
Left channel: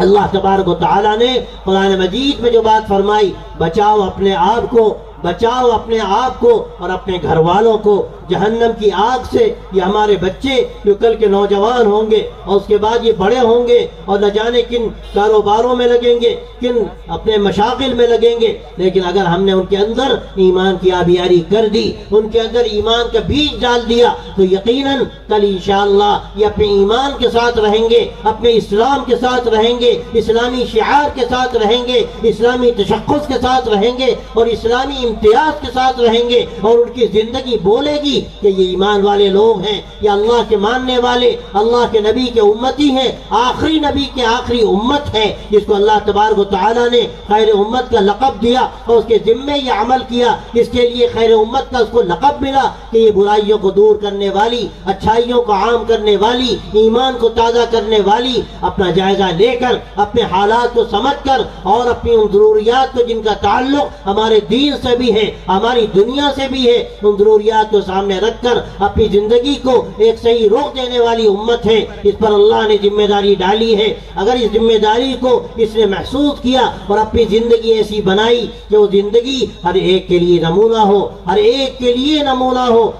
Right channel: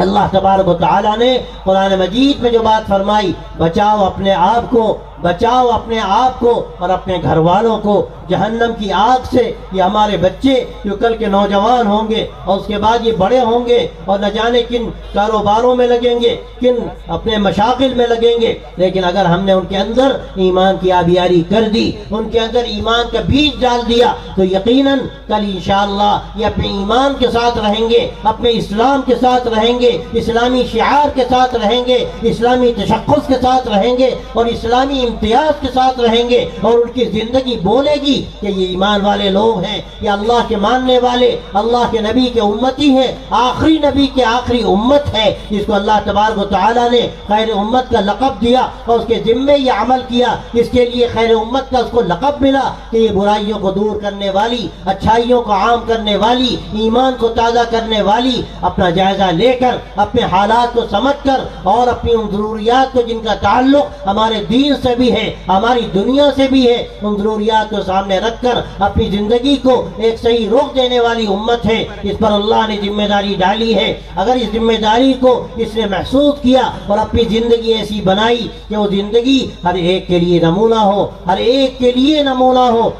اللہ تبارک و تعالیٰ نے قرآن مجید میں جو بات فرمائی، بچاؤ اپنے آپ کو، بچاؤ اپنے آپ کو اور اپنے گھر والوں کو جہنم کی آگ سے۔ یہ ہمارے بچے جو کل کے نوجوان ہوں گے اور اس کے بعد یہ بڑے ہوں گے اور نہ جانے کن کاروباروں میں لگیں گے، کن اپنے مشاغل میں لگیں گے، لیکن اگر ہم نے ان کے اندر ایمان کی آبیاری کر دی، ان کے اندر ایمان کا بیج ڈال دیا، تو یقیناً کل انشاءاللہ یہ اپنے ایمان کے ساتھ رہیں گے، اپنے اسلام کے ساتھ رہیں گے، اسلامی شعار کے ساتھ رہیں گے، اسلامی تشخص کے ساتھ رہیں گے اور اسلامی امتیاز کے ساتھ رہیں گے، اور ان کی زندگی بولے گی کہ یہ ایمان والے لوگ ہیں، یہ اللہ کے ماننے والے، اللہ کے نبی کے امتی ہیں، آخری نبی کے آخری امت ہے، جس کو اللہ تبارک و تعالیٰ نے خیر امت کا لقب دیا اور اس کے ذمے یہ عمل کیا، اس کے لیے خیر امت کا اس کو لقب ملا کہ یہ برائیوں کو دور کرنے والی، اچھائیوں کو عام کرنے والی، ایمان کو تازہ کرنے والی۔ اپنا جائزہ لے کر، اپنے حالات کو سمجھ کر اور اپنی ان ضروریات کو جن کا تعلق ہمارے دین سے بھی ہے، ہماری دنیا سے بھی ہے، ان ضروریات کو سامنے رکھ کر اپنی زندگی کو ایک صحیح رخ دینے والی امت ہے۔ اس پر اللہ نے ذمہ داری ڈالی ہے۔ اگر اس ذمہ داری کو اس نے محسوس کیا اور اپنی زندگی ایسی بنائی کہ وہ زندگی ہر ایک کے لیے نمونہ ہو، ہر ایک کے لیے نمونہ ہو۔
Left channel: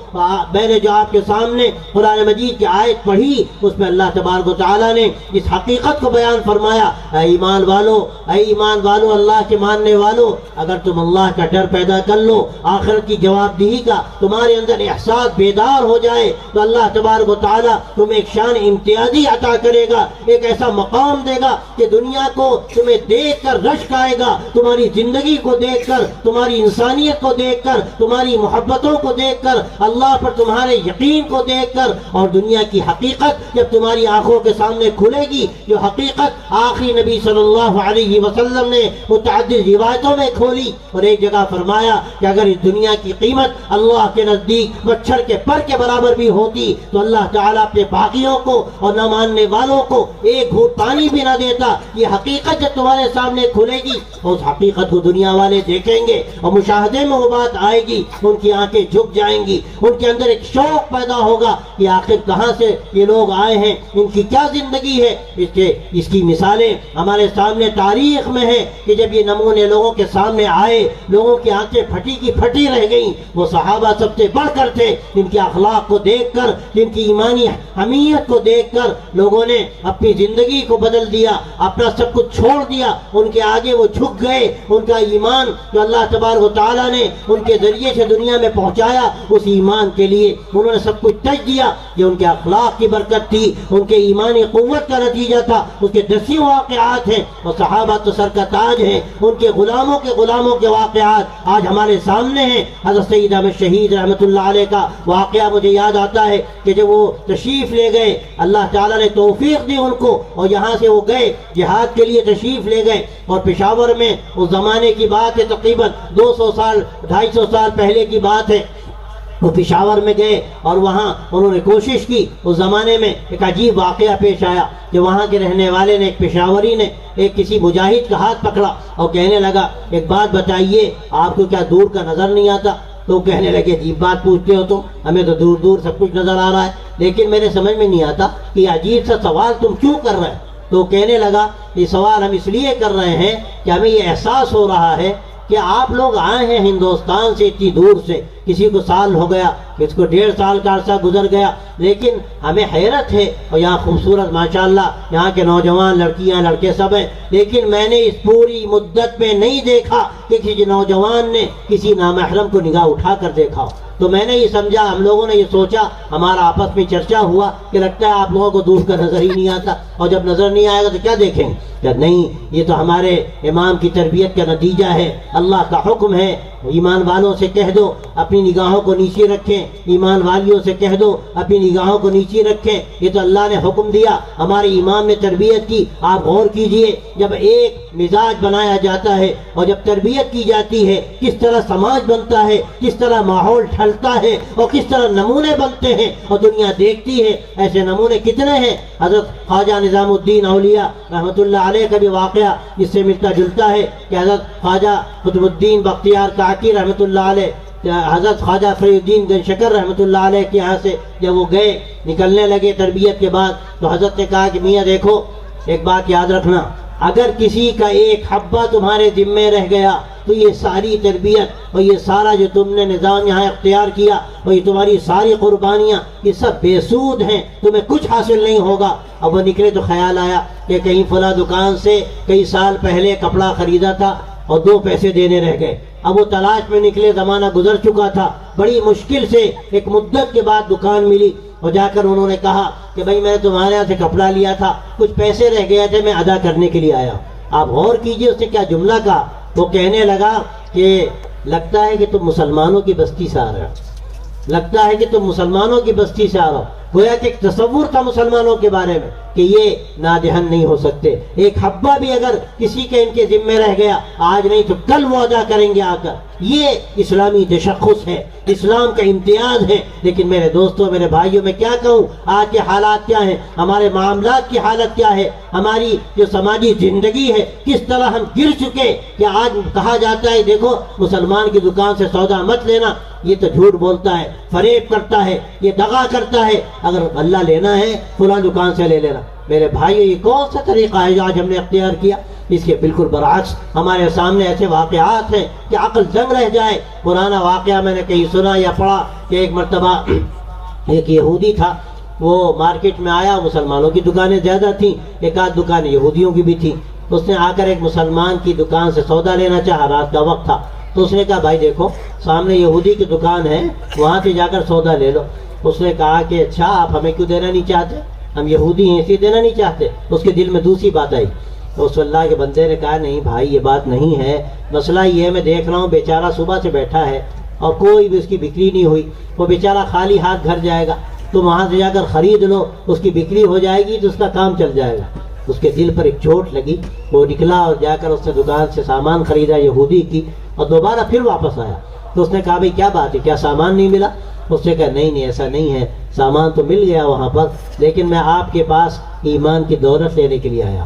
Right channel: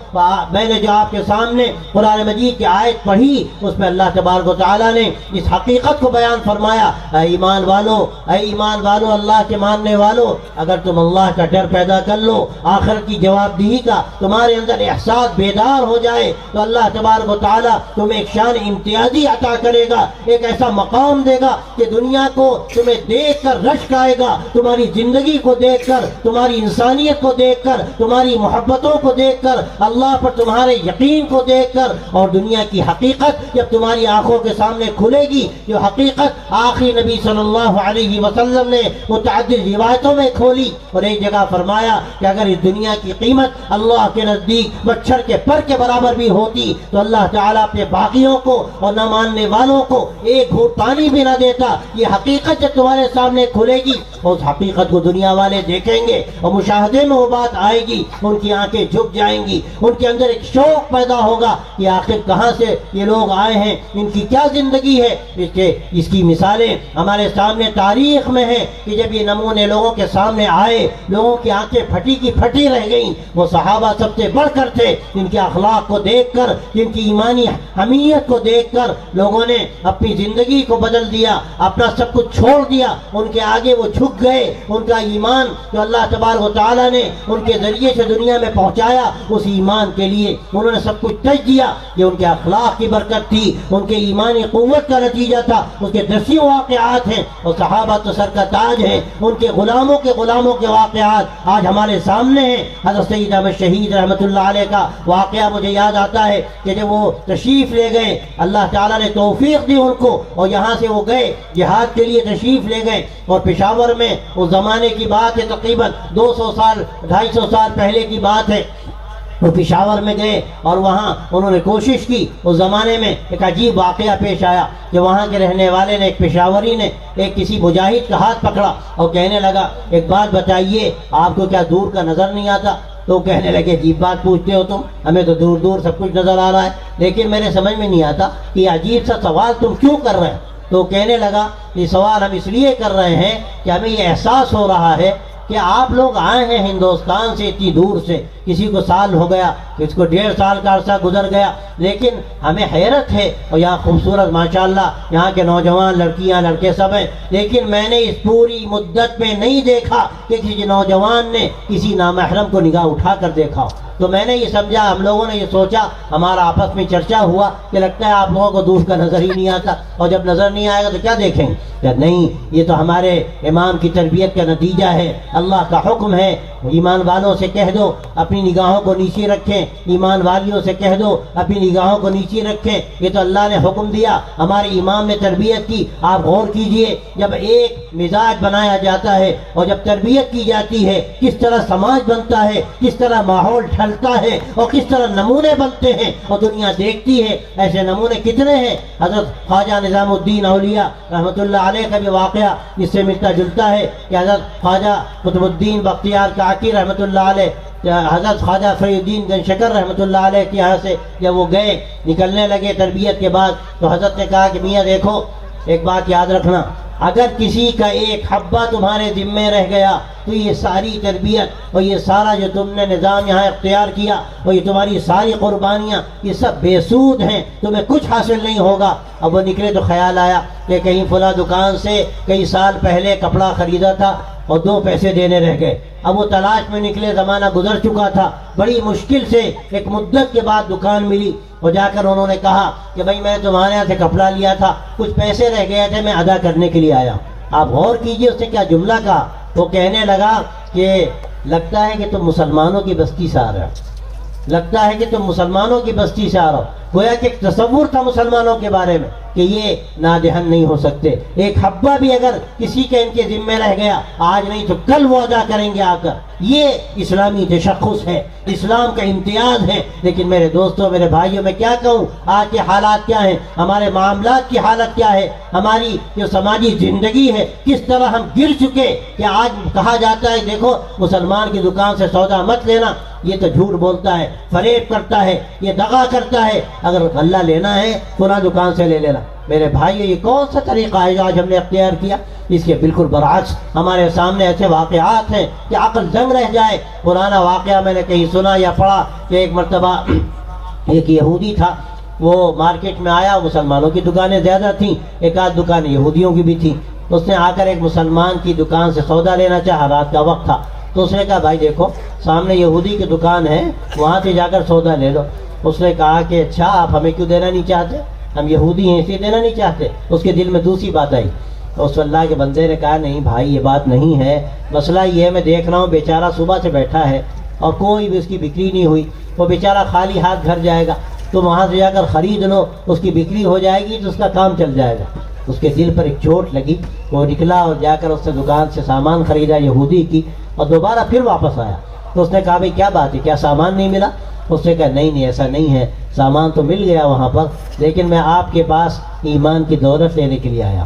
میں نے جو آپ کے سامنے قرآن مجید کی آیت پڑھی، اس میں اللہ تبارک و تعالیٰ نے اس حقیقت کو بیان فرمایا، اے ایمان والو، اے ایمان والو، اللہ کے ماننے والو، اگر تم اللہ کا ڈر پیدا کر لو، آخرت کی جواب دہی کا تمہارے اندر احساس بیدار ہو جائے، تو اللہ تبارک و تعالیٰ تمہیں ایک شان امتیازی عطا کرے گا، ایک ایسا مقام دے گا کہ دنیا کو تمہیں دیکھ کر رشک آئے گا، تمہاری زندگی کو دیکھ کر، تمہاری انسانیت کو دیکھ کر، تمہاری محبتوں کو دیکھ کر، اللہ پر تمہارے یقین کو دیکھ کر، اور دنیا کی حقیقت جب تمہاری آنکھوں کے سامنے کھلے گی، جو حقیقت آخری نبی صلی اللہ علیہ وسلم نے متعدد روایتوں میں کھولی، اور ایک جگہ فرمایا کہ اگر اس دنیا کی قیمت اللہ کے نزدیک مچھر کے پر کے برابر بھی ہوتی تو اللہ تعالیٰ اپنے باقیوں کو اور نہ ماننے والوں کو ایک گھونٹ پانی بھی نہ دیتا۔ یہ حقیقت جب تمہارے سامنے کھلے گی، اس حقیقت کو دنیا والے دیکھیں گے اور مشاہدے میں وہ بات آئے گی، ان کی آنکھیں جھک جائیں گی، ان کے اندر ایک شوق پیدا ہوگا کہ آخر کہاں سے یہ لوگ آئے ہیں، ان کی کیا زندگی ہے۔ اس کی مثالیں ہمارے سامنے تاریخ میں ہیں کہ جب یہ نمونے لوگوں کے سامنے آئے، لوگوں کی آنکھیں پھٹی کی پھٹی رہ گئیں۔ وہ صحابہ سب سے بڑھ کر تھے، جن کے اخلاق کو دیکھ کر، جن کی ایمانی حمیت کو دیکھ کر لوگوں نے اپنی زندگی کو بدل دیا، اپنا سب کچھ چھوڑ دیا، ان کے آگے وہ جھک گئے۔ ان کا ایمان جو اللہ تبارک و تعالیٰ نے ان کے ذریعے سے دنیا میں پہنچایا، اس ایمان کے لیے انہوں نے سب کچھ تج دیا۔ یہ ان کے اخلاق کی برکت تھی، ان کے ایمانی قوت کا نتیجہ تھا۔ اس کے 10 واقعات ہیں، اور صحابہ تو سر کا تاج ہیں، ان کے غلاموں کے واقعات آج ہمارے سامنے ہیں۔ حضرت سید احمد شہید رحمۃ اللہ علیہ کا واقعہ مجھے یاد آتا ہے کہ جب وہ تشریف لے گئے، اللہ تعالیٰ نے توفیق دی ان کو، اور یہاں سے وہ گئے جہاد کے لیے تشریف لے گئے، اور پشاور میں اس زمانے کی بات ہے، تقریباً 200 سال 250 سال پہلے کی بات ہے، وہ پشاور میں گئے اور وہاں انہوں نے کوشش کی۔ اس زمانے میں ایک عجیب واقعہ پیش آیا کہ وہاں کے رہنے والے نے، ایک پشاوری نے، ایک کسی مجاہد کا ہاتھ پکڑا اور کہنے لگا، ایک بات بتائیے، آپ کو کیا دور کا نظر نہیں آتا؟ تو کہنے لگے، عجیب بات پوچھتے ہو تم، ہمیں تو دور دور سب کچھ نظر آ رہا ہے، لیکن میرے سمجھ میں نہیں آتا کہ یہ عجیب سا سوال تم کیوں کر رہے ہیں؟ تو کہنے لگا، یہ سوال ہم اس لیے کر رہے ہیں کہ ہمیں یہ احساس ہو رہا ہے کہ آپ لوگ آئے ہیں ہندوستان سے اتنی دور سے، کسی کو سال ہو گیا، کسی کو 1.5 سال کا عرصہ گزر گیا، لیکن ہمیں حیرت ہے، اور یہاں خوبصورت ماشاءاللہ یہاں کے نوجوان لڑکیاں لڑکے سب ہیں، لیکن میں نے اس پوری مدت میں نہیں دیکھا کہ کسی نوجوان نے کسی نامحرم کو نگاہ اٹھا کر دیکھا۔ تو میں نے یہ سمجھا، ہم لوگوں نے یہ سوچا، ہمارا آپس میں چرچا ہوا کہ لگتا ہے آپ لوگوں کو دور کا نظر ہی نہیں آتا، اور جب نظر نہیں آئے گا تو کیا دیکھیں گے؟ کہ نہیں، یہ تو ہمارے امام کی تربیت کا نتیجہ ہے، اللہ کا حکم ہے۔ ایمان والوں سے کہہ دو اپنی نگاہوں کو نیچے رکھیں، ایمان والیوں سے کہہ دو اپنی نگاہوں کو نیچے رکھیں، یہ تو اللہ نے حکم دیا، ہمارے امام نے تربیت کی۔ آپ غور کیجئے، جب ایک مزاج بنایا جاتا ہے اور جب تربیت کی جاتی ہے، کس طرح سماج بنتا ہے، کس طرح ماحول ڈھلتا ہے، اور کس طرح نمونے بنتے ہیں اور دنیا دیکھتی ہے۔ ایسے نمونے کتنے ہیں؟ حضرت خواجہ نظام الدین اولیاء رحمۃ اللہ علیہ کا بھی واقعہ اس سے ملتا جلتا ہے کہ حضرت خواجہ قطب الدین بختیار کاکی رحمۃ اللہ علیہ، حضرت خواجہ فرید الدین گن شکر رحمۃ اللہ علیہ کے یہاں سے جب وہ گئے، نکلنے لگے تربیت کے بعد، تو حضرت نے کہا کہ میاں دیکھو، ایک بات یاد رکھنا، اگر کسی کا ایک حبہ تمہارے ذمے رہ گیا تو یہ ساری تربیت اور یہ سارا جو تم نے نظام یہاں اختیار کیا اور یہ تمہاری ساری قربانیاں، یہ سب بے سود ہیں، تمہیں کچھ حاصل نہیں ہوگا۔ اب وہ نکلے تو خیال آیا کہ کہیں فلاں دکان سے کئی سال پہلے کپڑا خریدا تھا اور 2 پیسے دینے رہ گئے۔ اب وہ تلاش میں نکلے، زمانہ گزر چکا تھا، بڑی مشکل سے ایک مدت کے بعد دکان ملی، اور جا کر انہوں نے کہا کہ بھائی میں نے تمہارے یہاں سے کپڑا لیا تھا، کچھ پیسے رہ گئے تھے، میں ادا کرنے کے لیے آیا۔ آپ غور کیجئے اس نے کیا جملہ کہا، وہ کہنے لگا کہ لگتا ہے کہ تم مسلمانوں کی بستی سے آ رہے ہو، لگتا ہے کہ تم مسلمانوں کی بستی سے آ رہا ہو۔ گویا کہ ایک تصور تھا مسلمانوں کے بارے میں کہ یہ نادہن نہیں ہو سکتے، ایک حبہ بھی اگر کسی کے ان کے ذمے رہ گیا، آج نہیں تو کل وہ ادا کریں گے آ کر۔ یہ اسلامی تشخص ہے، اسلام کا امتیاز ہے۔ لیکن میرے دوستوں، میرے بھائیوں، میں کیا کہوں، آج کے حالات کیا ہیں، ہمارے معاملات کی حالت کیا ہے، ہماری جو سماجی زندگی ہے، کس طرح ہم گر چکے کہ آج کہا جاتا ہے دیکھو مسلمان کی دکان سے سودا مت لینا، یہ تو جھوٹ بولتا ہے، فریب کرتا ہے، یہ دغا کرتا ہے، اگر غلہ لینا ہے فلاں دکان سے لے لینا۔ میرے بھائی، یہ کون سا طریقہ ہے جو آج ہم نے اختیار کیا؟ اس کے بالکل برعکس ہمارے سامنے ایسے واقعات ہیں کہ عقل دنگ رہ جائے۔ پرانا واقعہ میں نے کہیں سنا یا پڑھا کہ ایک مرتبہ ایک یہودی تھا، وہ مارکیٹ میں آیا، مسلمانوں کی دکانیں زیادہ تھیں، ایک آدھ دکان یہودیوں کی بھی تھی۔ اس نے آ کر ایک مسلمان کی دکان سے سودا لینا چاہا، رات کا وقت تھا، تو اس نے کہا بھائی دیکھو سامنے یہودی کی دکان ہے، وہاں سے جا کر سودا لے لو۔ اس نے کہا کہ اچھا، آپ ہمیں کیوں دینا نہیں چاہتے؟ ہم یہودی ہیں اسی دینا نہیں چاہتے۔ اس کے دل میں دوسری بات آئی، اس اللہ کے بندے نے کہا نہیں بھائی یہ بات نہیں ہے، مسئلہ یہ ہے میں دیکھ رہا ہوں بیچارہ صبح سے بیٹھا ہے اور کوئی بھی اس کی بکری نہیں ہوئی، وہ بیچارہ خالی ہاتھ گھر جائے گا، تو وہاں سے جا کر خرید لو، اس کی بکری ہو جائے گی تو اس کا کام چل جائے گا۔ اس کے دل پر ایک چوٹ لگی، وہ نکلا اور جا کر اس سے دکان سے سامان خریدا یہودی کی، اور دوبارہ پھر واپس آیا۔ تو اس نے کہا بھائی کیا بات ہے، کیا سامان نہیں ملا؟ اس نے کہا نہیں ایسا نہیں ہے، سامان تو مل گیا وہاں پر، لیکن میں آپ کے پاس ایمان کی دولت لینے کے لیے آیا۔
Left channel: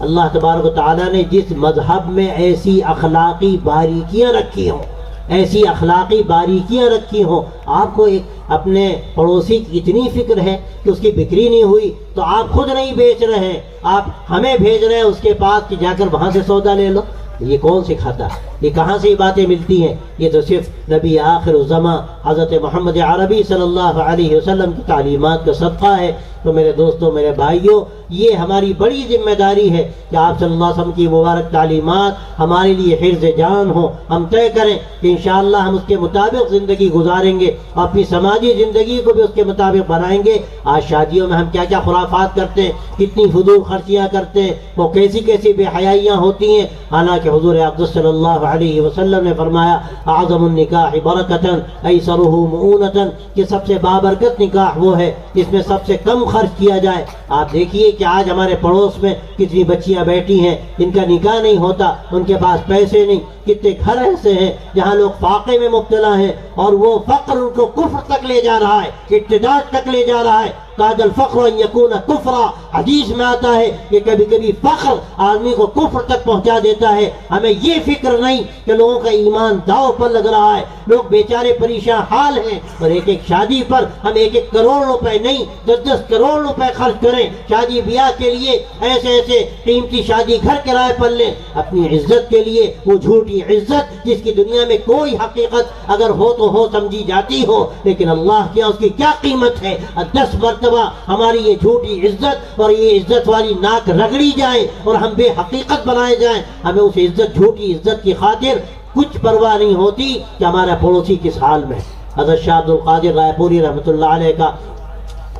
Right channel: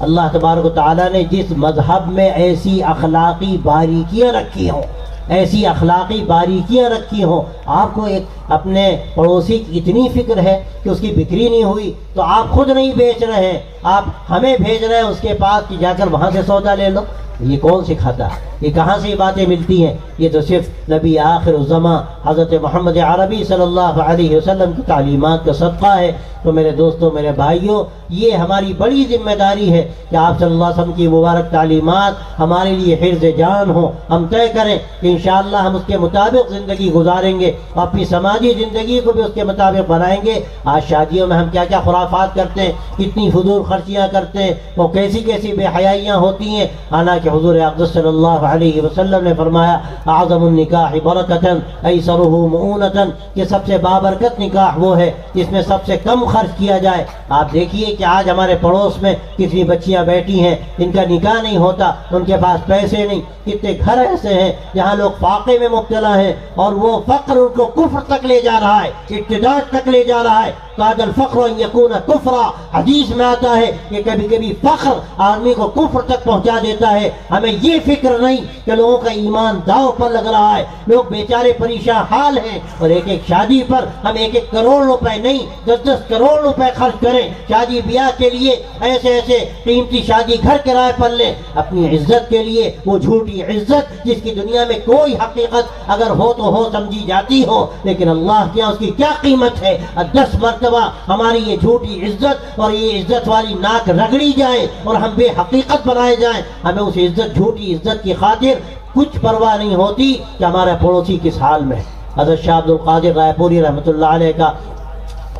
اللہ تبارک و تعالیٰ نے جس مذہب میں ایسی اخلاقی باریکیاں رکھی ہوں، ایسی اخلاقی باریکیاں رکھی ہوں، آپ کو ایک اپنے پڑوسی کی اتنی فکر ہے کہ اس کی بکری نہیں ہوئی تو آپ خود نہیں بیچ رہے ہیں، آپ ہمیں بھیج رہے ہیں اس کے پاس کہ جا کر وہاں سے سودا لے لو۔ یہ کون سکھاتا ہے؟ یہ کہاں سے یہ باتیں ملتی ہیں؟ یہ تو صرف نبی آخر الزماں حضرت محمد عربی صلی اللہ علیہ وسلم کی تعلیمات کا صدقہ ہے۔ تو میرے دوستوں، میرے بھائیوں، یہ ہماری بڑی ذمہ داری ہے کہ آپ صلی اللہ علیہ وسلم کی مبارک تعلیمات ہمارے لیے حفظ جان ہو۔ ہم طے کریں کہ انشاءاللہ ہم اس کے مطابق زندگی گزاریں گے، اپنی سماجی زندگی کو بھی اس کے مطابق بنائیں گے۔ آج شادیوں میں ہم کیا کیا خرافات کرتے ہیں، کتنی فضول خرچیاں کرتے ہیں، وہ کیسی کیسی بے حیائیاں ہوتی ہیں، حالانکہ حضور اقدس صلی اللہ علیہ وسلم نے فرمایا اعظم النکاح برکتاً ایسرہ مؤونتاً، کہ سب سے بابرکت نکاح وہ ہے جس میں سب سے کم خرچ کیا جائے۔ آپ دیکھیے کہ آج ہمارے پڑوس میں کتنی بچیاں بیٹھی ہیں، ان کا نکاح نہیں ہوتا، ان کے پاس پیسے نہیں۔ کتنے گھر ایسے ہیں جہاں لوگ فاقے میں مبتلا ہیں اور وہ فقر ان کو کفر تک لے جا رہا ہے، ارتداد تک لے جا رہا ہے۔ قاد الفقر ان یکون کفرا، حدیث میں آتا ہے کہ کبھی کبھی فخر آدمی کو کفر تک پہنچا دیتا ہے۔ ہمیں یہ فکر نہیں کہ لوگوں کا ایمان داؤ پر لگ رہا ہے، لوگ بیچارے پریشان حال ہیں، اور ایک ایک شادی پر ہم 1-1 کروڑ روپے نہیں 10-10 کروڑ روپے خرچ کریں شادی بیاہ کے لیے، ایسے ایسے قیمتی شادی گھر کرائے پر لیں اپنی عزت کے لیے، وہ جھوٹی عزت جس کی دنیا میں کوئی حقیقت اگر ہو تو ہو سمجھی جاتی ہو، لیکن اللہ کیا اس کی کیا قیمت ہے؟ 10 مرتبہ ہماری یہ جھوٹی عزت اور یہ عزت والی ناک رگڑی جائے اور ہم بے حقیقت بنائے جائیں، ہمیں اس عزت جھوٹی عزت کی خاطر کچھ پرواہ نہیں ہوتی کہ ہمارا پڑوسی کس حال میں۔ حضرت شاہ عبد القادر رائے پوری رحمۃ اللہ علیہ کا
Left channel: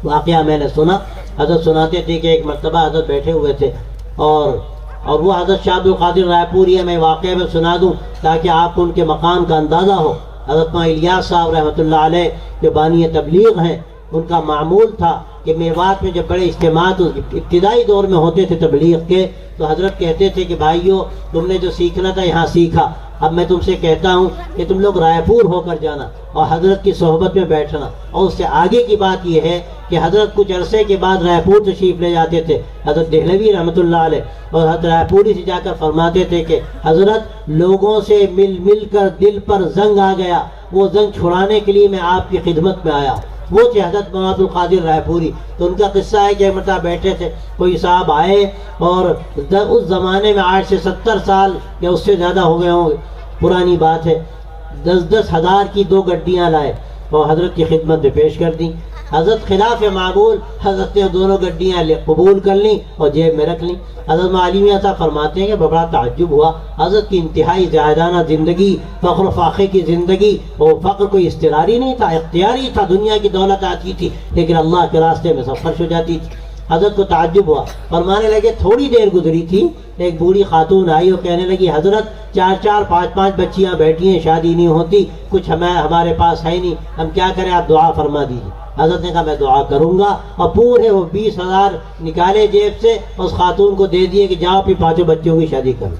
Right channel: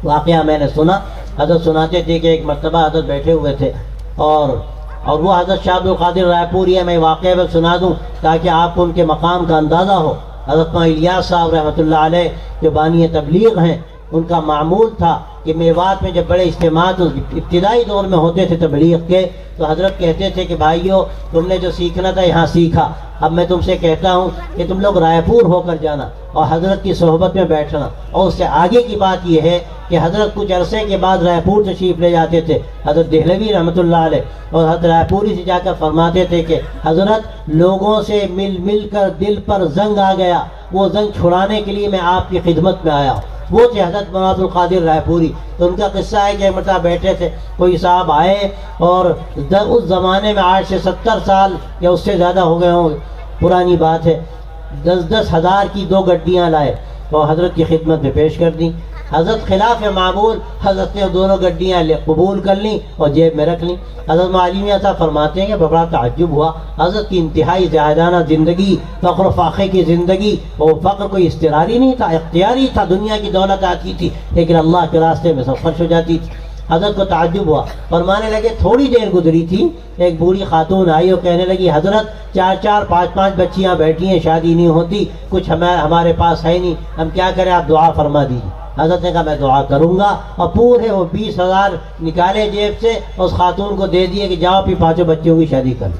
واقعہ میں نے سنا۔ حضرت سناتے تھے کہ ایک مرتبہ حضرت بیٹھے ہوئے تھے اور وہ حضرت شاہ عبد القادر رائے پوری ہے، میں واقعہ میں سنا دوں تاکہ آپ کو ان کے مقام کا اندازہ ہو۔ حضرت الیاس صاحب رحمۃ اللہ علیہ جو بانی تبلیغ ہیں، ان کا معمول تھا کہ میوات میں جب بڑے اجتماعات ابتدائی دور میں ہوتے تھے تبلیغ کے، تو حضرت کہتے تھے کہ بھائیو تم نے جو سیکھنا تھا یہاں سیکھا، اب میں تم سے کہتا ہوں کہ تم لوگ رائے پور ہو کر جانا اور حضرت کی صحبت میں بیٹھنا۔ اور اس سے آگے کی بات یہ ہے کہ حضرت کچھ عرصے کے بعد رائے پور تشریف لے جاتے تھے، حضرت دہلوی رحمۃ اللہ علیہ، اور حضرت رائے پوری سے جا کر فرماتے تھے کہ حضرت لوگوں سے مل مل کر دل پر زنگ آ گیا، وہ زنگ چھڑانے کے لیے میں آپ کی خدمت میں آیا۔ وہ تھے حضرت مولانا عبد القادر رائے پوری۔ تو ان کا قصہ ہے کہ مرتبہ بیٹھے تھے، کوئی صاحب آئے اور اس زمانے میں آج سے 70 سال یا اس سے زیادہ ہو گئے ہوں گے، پرانی بات ہے، 10-10 ہزار کی 2 گڈیاں لائے اور حضرت کی خدمت میں پیش کر دی۔ حضرت خلاف معمول حضرت نے دونوں گڈیاں قبول کر لیں اور جیب میں رکھ لیں۔ حضرت معلوم صاحب فرماتے ہیں کہ بڑا تعجب ہوا، حضرت کی انتہائی زاہدانہ زندگی، فخر و فاخر کی زندگی، وہ فخر کوئی اضطراری نہیں تھا، اختیاری تھا، دنیا کی دولت آتی تھی لیکن اللہ کے راستے میں سب خرچ ہو جاتی تھی۔ حضرت کو تعجب ہوا، فرمانے لگے تھوڑی دیر گزری تھی، ایک بوڑھی خاتون آئی اور کہنے لگی حضرت 4-4 5-5 بچیاں بیٹھی ہیں، شادی نہیں ہوتی، کچھ ہمارے پاس ہے نہیں، ہم کیا کریں، آپ دعا فرما دیجیے۔ حضرت نے کہا میں دعا کروں گا، اور پورے وہ 20,000 نکالے جیب سے، اس خاتون کو دے دیے کہ جاؤ پھر 5 بچوں کی شادی کرو۔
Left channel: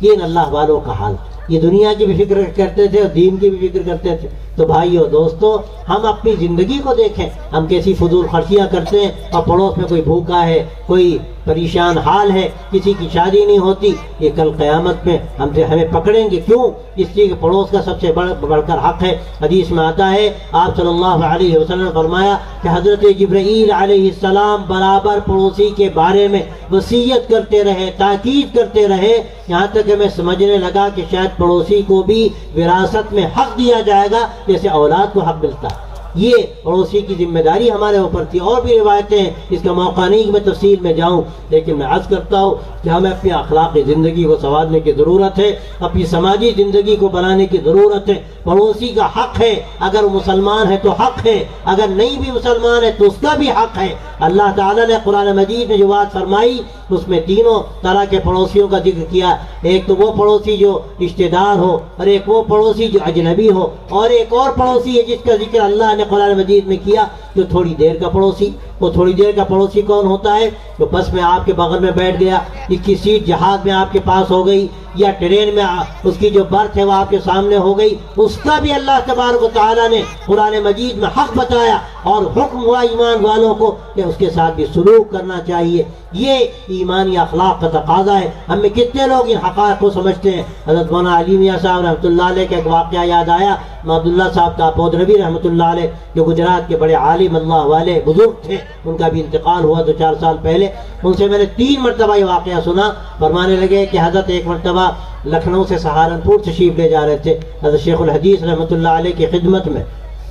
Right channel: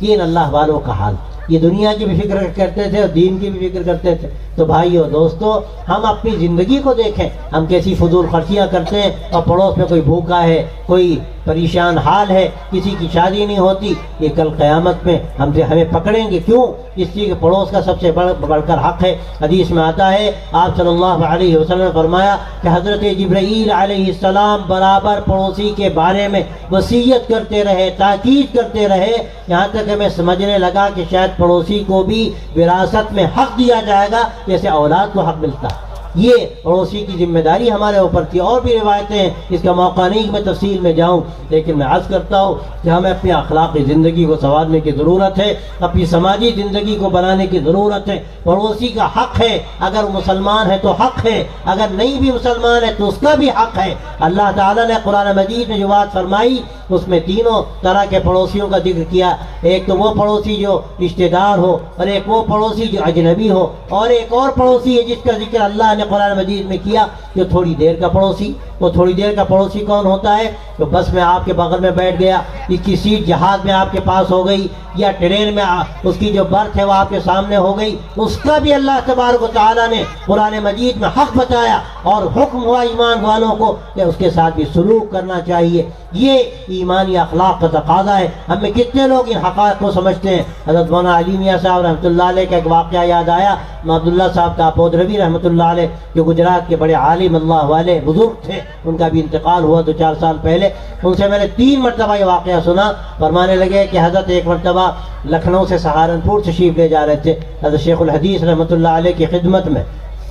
یہ اللہ والوں کا حال، یہ دنیا کی بھی فکر کرتے تھے اور دین کی بھی فکر کرتے تھے۔ تو بھائیو دوستو، ہم اپنی زندگی کو دیکھیں، ہم کیسی فضول خرچیاں کرتے ہیں، اور پڑوس میں کوئی بھوکا ہے، کوئی پریشان حال ہے، کسی کی شادی نہیں ہوتی، یہ کل قیامت میں ہمیں پکڑیں گے۔ کیوں؟ اس لیے کہ پڑوس کا سب سے بڑھ کر حق ہے۔ حدیث میں آتا ہے، آپ صلی اللہ علیہ وسلم نے فرمایا کہ حضرت جبرائیل علیہ السلام برابر پڑوسی کے بارے میں وصیت کرتے رہے، تاکید کرتے رہے، یہاں تک ہمیں سمجھنے لگا کہ شاید پڑوسی کو بھی وراثت میں حق دیا جائے گا جیسے اولاد کو حق ملتا ہے۔ یہ پڑوسی کی ذمہ داری ہمارے اوپر تھی۔ اور بھی روایتیں ہیں، اس کا موقع نہیں کہ میں تفصیل میں جاؤں، لیکن میں عرض کرتا ہوں کہ ہمیں اپنی اخلاقی زندگی کو سنوارنے کی ضرورت ہے، اپنی سماجی زندگی کو بنانے کی ضرورت ہے۔ پڑوسی کا حق ہے، اگر مسلمان ہے تو حق ہے، اگر نہیں بھی مسلمان ہے تو اس کا بھی حق ہے۔ اللہ تعالیٰ نے قرآن مجید میں جو بات فرمائی اس میں تینوں طرح کے پڑوسیوں کا ذکر کیا۔ ایک تو وہ پڑوسی جو رشتہ دار ہو، اور ایک وہ پڑوسی جو اجنبی ہو، اور ایک اور پڑوسی ہے جس کا ذکر اللہ نے قرآن مجید میں کیا، جو تھوڑی دیر کا پڑوسی۔ وہ تھوڑی دیر کا پڑوسی کون ہوتا ہے؟ جو بس میں آپ کے بغل میں بیٹھ گیا، کی سیٹ جہاز میں آپ کے پاس ہو گئی، یا ٹرین میں اس کی جو برتھ ہے وہ آپ کے سامنے ہو گئی، اس کا بھی اللہ تبارک و تعالیٰ نے قرآن مجید میں حق بتایا، اور حکم ہوا ایمان والوں کو کہ اس کے ساتھ بھی سلوک کرنا چاہیے۔ یہ ایمانی اخلاق کا تقاضا ہے۔ ہم میں کتنے لوگ ان حقائق کو سمجھتے ہیں؟ حضرت مولانا علی میاں صاحب رحمۃ اللہ علیہ کا ایک واقعہ یاد آیا، عبداللہ صاحب کا پودروی رحمۃ اللہ علیہ، جو گجرات کے بڑے عالم اللہ والے بزرگ تھے، ان کا بھی انتقال ہوا 2-4 سال پہلے۔ ان سے میں نے 3 مرتبہ یہ واقعہ سنا۔ فرمانے لگے کہ حضرت ایک مرتبہ لکھنؤ سے سہارنپور تشریف لے جا رہے تھے حضرت شیخ الحدیث رحمۃ اللہ علیہ کی خدمت میں،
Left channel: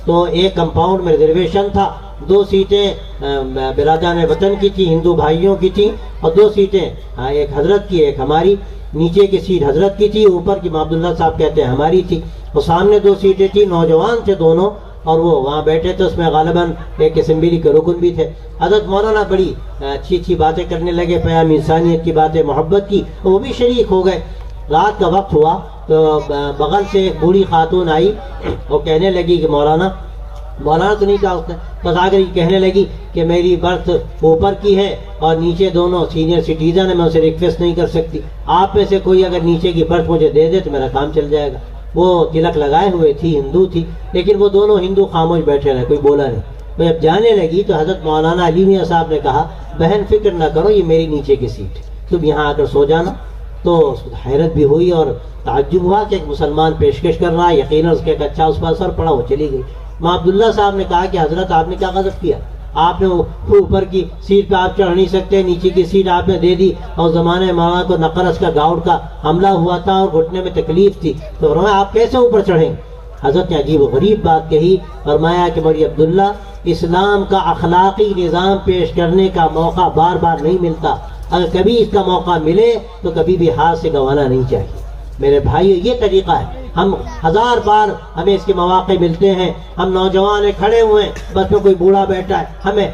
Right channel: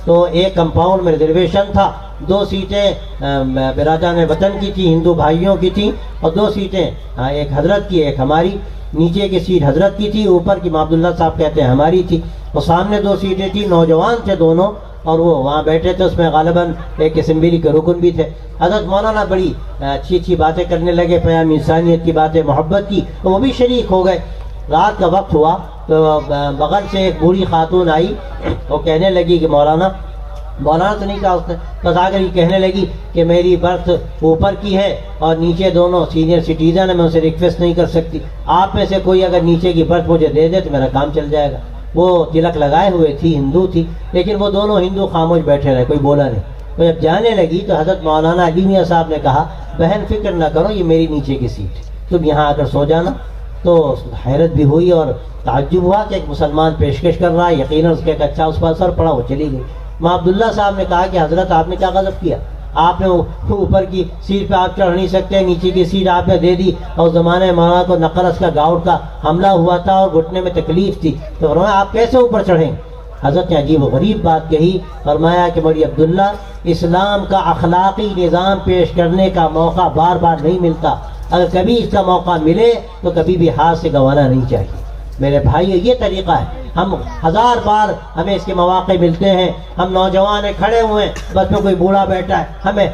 تو ایک کمپاؤنڈ میں ریزرویشن تھا، 2 سیٹیں برادران وطن کی تھی، ہندو بھائیوں کی تھی، اور 2 سیٹیں ایک حضرت کی ایک ہماری، نیچے کی سیٹ حضرت کی تھی، اوپر کی عبداللہ صاحب کہتے ہیں ہماری تھی، اور سامنے 2 سیٹیں تھی، نوجوان تھے دونوں، اور وہ وہاں بیٹھے تھے، اس میں غالباً ایک اسمبلی کے رکن بھی تھے۔ حضرت مولانا بڑی اچھی باتیں کرنے لگے، پیام انسانیت کی باتیں، محبت کی، وہ بھی شریک ہو گئے۔ رات کا وقت ہوا تو بغل سے ایک بوڑھی خاتون آئی، وہ کہنے لگی کہ مولانا تو نہیں کہا اس نے، بس آ کر کہنے لگی کہ میری برتھ اوپر کی ہے اور نیچے دونوں سینئر سٹیزن ہیں، میں اسے ریکویسٹ نہیں کر سکتی، آپ میں سے کوئی اگر نیچے کی برتھ مجھے دے دے تو میرا کام چل جائے گا۔ وہ تلک لگائے ہوئے تھی، ہندو تھی، لیکن وہ دونوں ہندو خاموش بیٹھے رہے، کوئی بولا نہیں۔ وہ جب جانے لگی تو حضرت مولانا علی میاں صاحب نے کہا بہن فکر نہ کرو، یہ میری نیچے کی سیٹ ہے، تم یہاں آ کر سو جانا۔ تو حیرت بھی ہوئی اور تعجب ہوا کہ ایک مسلمان پیشکش کر رہا ہے، یقیناً اس کے ایک اچھا اس پر اثر پڑا، وہ چلی گئی۔ ماں عبداللہ صاحب نے کہا کہ حضرت آپ نے کیا غضب کیا، آپ نے اوپر کی سیٹ پہ آپ چڑھ نہیں سکتے، نیچے کی سیٹ آپ نے دے دی، اور زمانے ماما کو نقرس کا گاؤں کا حملہ ہوا تھا اور گھٹنے میں تکلیف تھی، تو فرمایا آپ کیسے اوپر چڑھیں؟ حضرت نے عجیب و غریب بات کہی، فرمایا کہ بڑی عبداللہ اسلام کا اخلاقی نظام پیش کرنے کا موقع بار بار نہیں ملتا، اگر کبھی اس کا موقع ملے تو کبھی بھی ہاتھ سے گنوانا نہیں چاہیے۔ میرے بھائی یہ طریقہ ہے، ہم ہزار بار ہمیں اس کے مواقع ملتے ہیں، ہم نوجوان ہیں کھڑے ہوئے ہیں، بس میں کوئی بوڑھا بیٹھا ہے،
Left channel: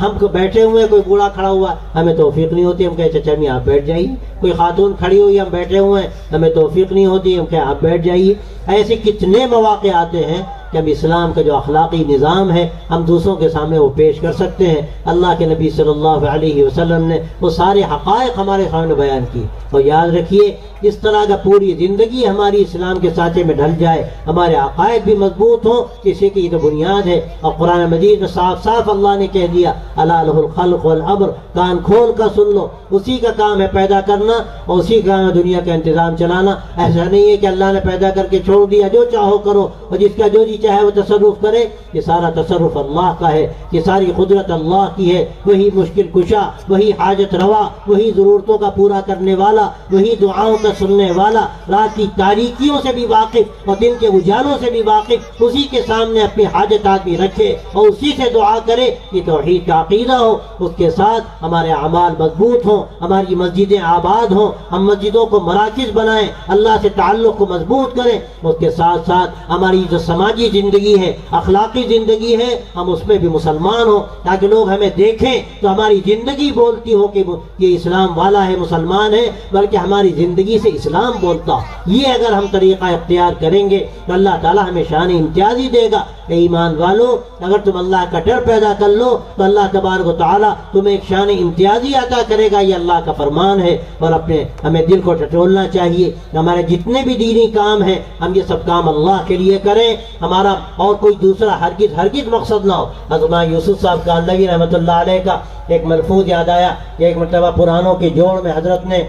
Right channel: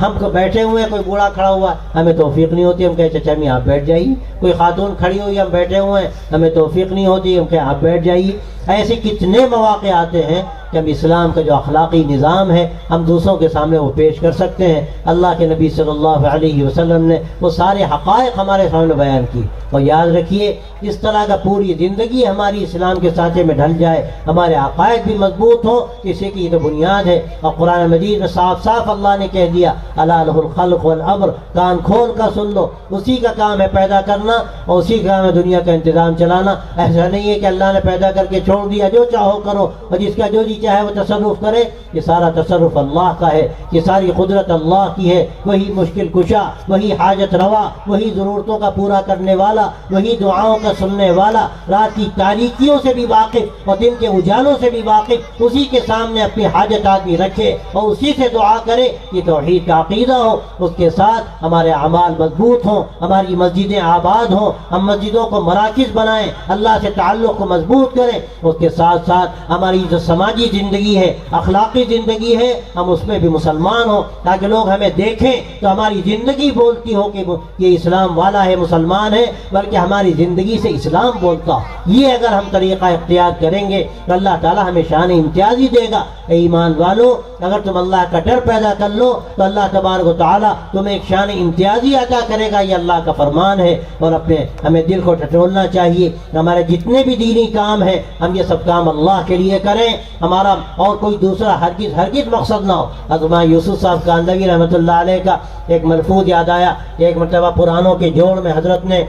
ہم بیٹھے ہوئے ہیں، کوئی بوڑھا کھڑا ہوا ہے، ہمیں توفیق نہیں ہوتی، ہم کہے چچا میاں آپ بیٹھ جائیے، کوئی خاتون کھڑی ہوئی ہم بیٹھے ہوئے ہیں، ہمیں توفیق نہیں ہوتی، ہم کہے آپ بیٹھ جائیے۔ ایسے کتنے مواقع آتے ہیں جب اسلام کا جو اخلاقی نظام ہے ہم دوسروں کے سامنے وہ پیش کر سکتے ہیں۔ اللہ کے نبی صلی اللہ علیہ وسلم نے وہ سارے حقائق ہمارے سامنے بیان کی، اور یاد رکھیے اس طرح کا پوری زندگی ہماری اسلام کے سانچے میں ڈھل جائے، ہمارے عقائد بھی مضبوط ہوں، کسی کی تو بنیاد ہے۔ اور قرآن مجید میں صاف صاف اللہ نے کہہ دیا الا لہ الخلق والامر، کان کھول کر سن لو، اسی کا کام ہے پیدا کرنا اور اسی کا کام ہے دنیا کا انتظام چلانا۔ ایسا نہیں ہے کہ اللہ نے پیدا کر کے چھوڑ دیا جو چاہو کرو اور جس کا جو جی چاہے وہ تصرف کرے، یہ سارا تصرف اللہ کا ہے، یہ ساری قدرت اللہ کی ہے، وہی مشکل کشا، وہی حاجت روا، وہی ضرورتوں کا پورا کرنے والا، وہی دعاؤں کا سننے والا، رات کی تاریکیوں سے بھی واقف اور دن کے اجالوں سے بھی واقف، اسی کے سامنے اپنی حاجت آدمی رکھے اور اسی سے دعا کرے، یہ توحید کا عقیدہ ہو، اس کے ساتھ ہمارے اعمال مضبوط ہوں، ہماری مسجدیں آباد ہوں، ہم مسجدوں کو مراکز بنائیں، اللہ سے تعلق کو مضبوط کریں، اس کے ساتھ ساتھ ہماری جو سماجی زندگی ہے، اخلاقی زندگی ہے، ہم اس میں بھی مسلمان ہوں، تاکہ لوگ ہمیں دیکھیں تو ہماری زندگی بولتی ہو کہ یہ اسلام والا ہے، مسلمان ہے، بلکہ ہماری زندگی سے اسلام بولتا ہو۔ یہ اگر ہم طریقہ اختیار کریں گے تو اللہ تعالیٰ ہمیں شان امتیازی دے گا۔ اے ایمان والو، اگر تم اللہ کا ڈر پیدا کر لو تو اللہ تبارک و تعالیٰ تمہیں ایک شان امتیازی عطا کرے گا، یہ اللہ کا فرمان ہے۔ اور ہمیں دل کو ٹٹولنا چاہیے، ہمارے جتنے بھی دینی کام ہیں ہم یہ سب کام اللہ کے لیے کریں، ہمارا اور کوئی دوسرا ہرگز مقصد نہ ہو۔ حضرت یوسف صاحب کاندھلوی رحمۃ اللہ علیہ کا ایک ملفوظ یاد آیا کہ ایک مرتبہ پرانوں کے جوڑ میں حضرت نے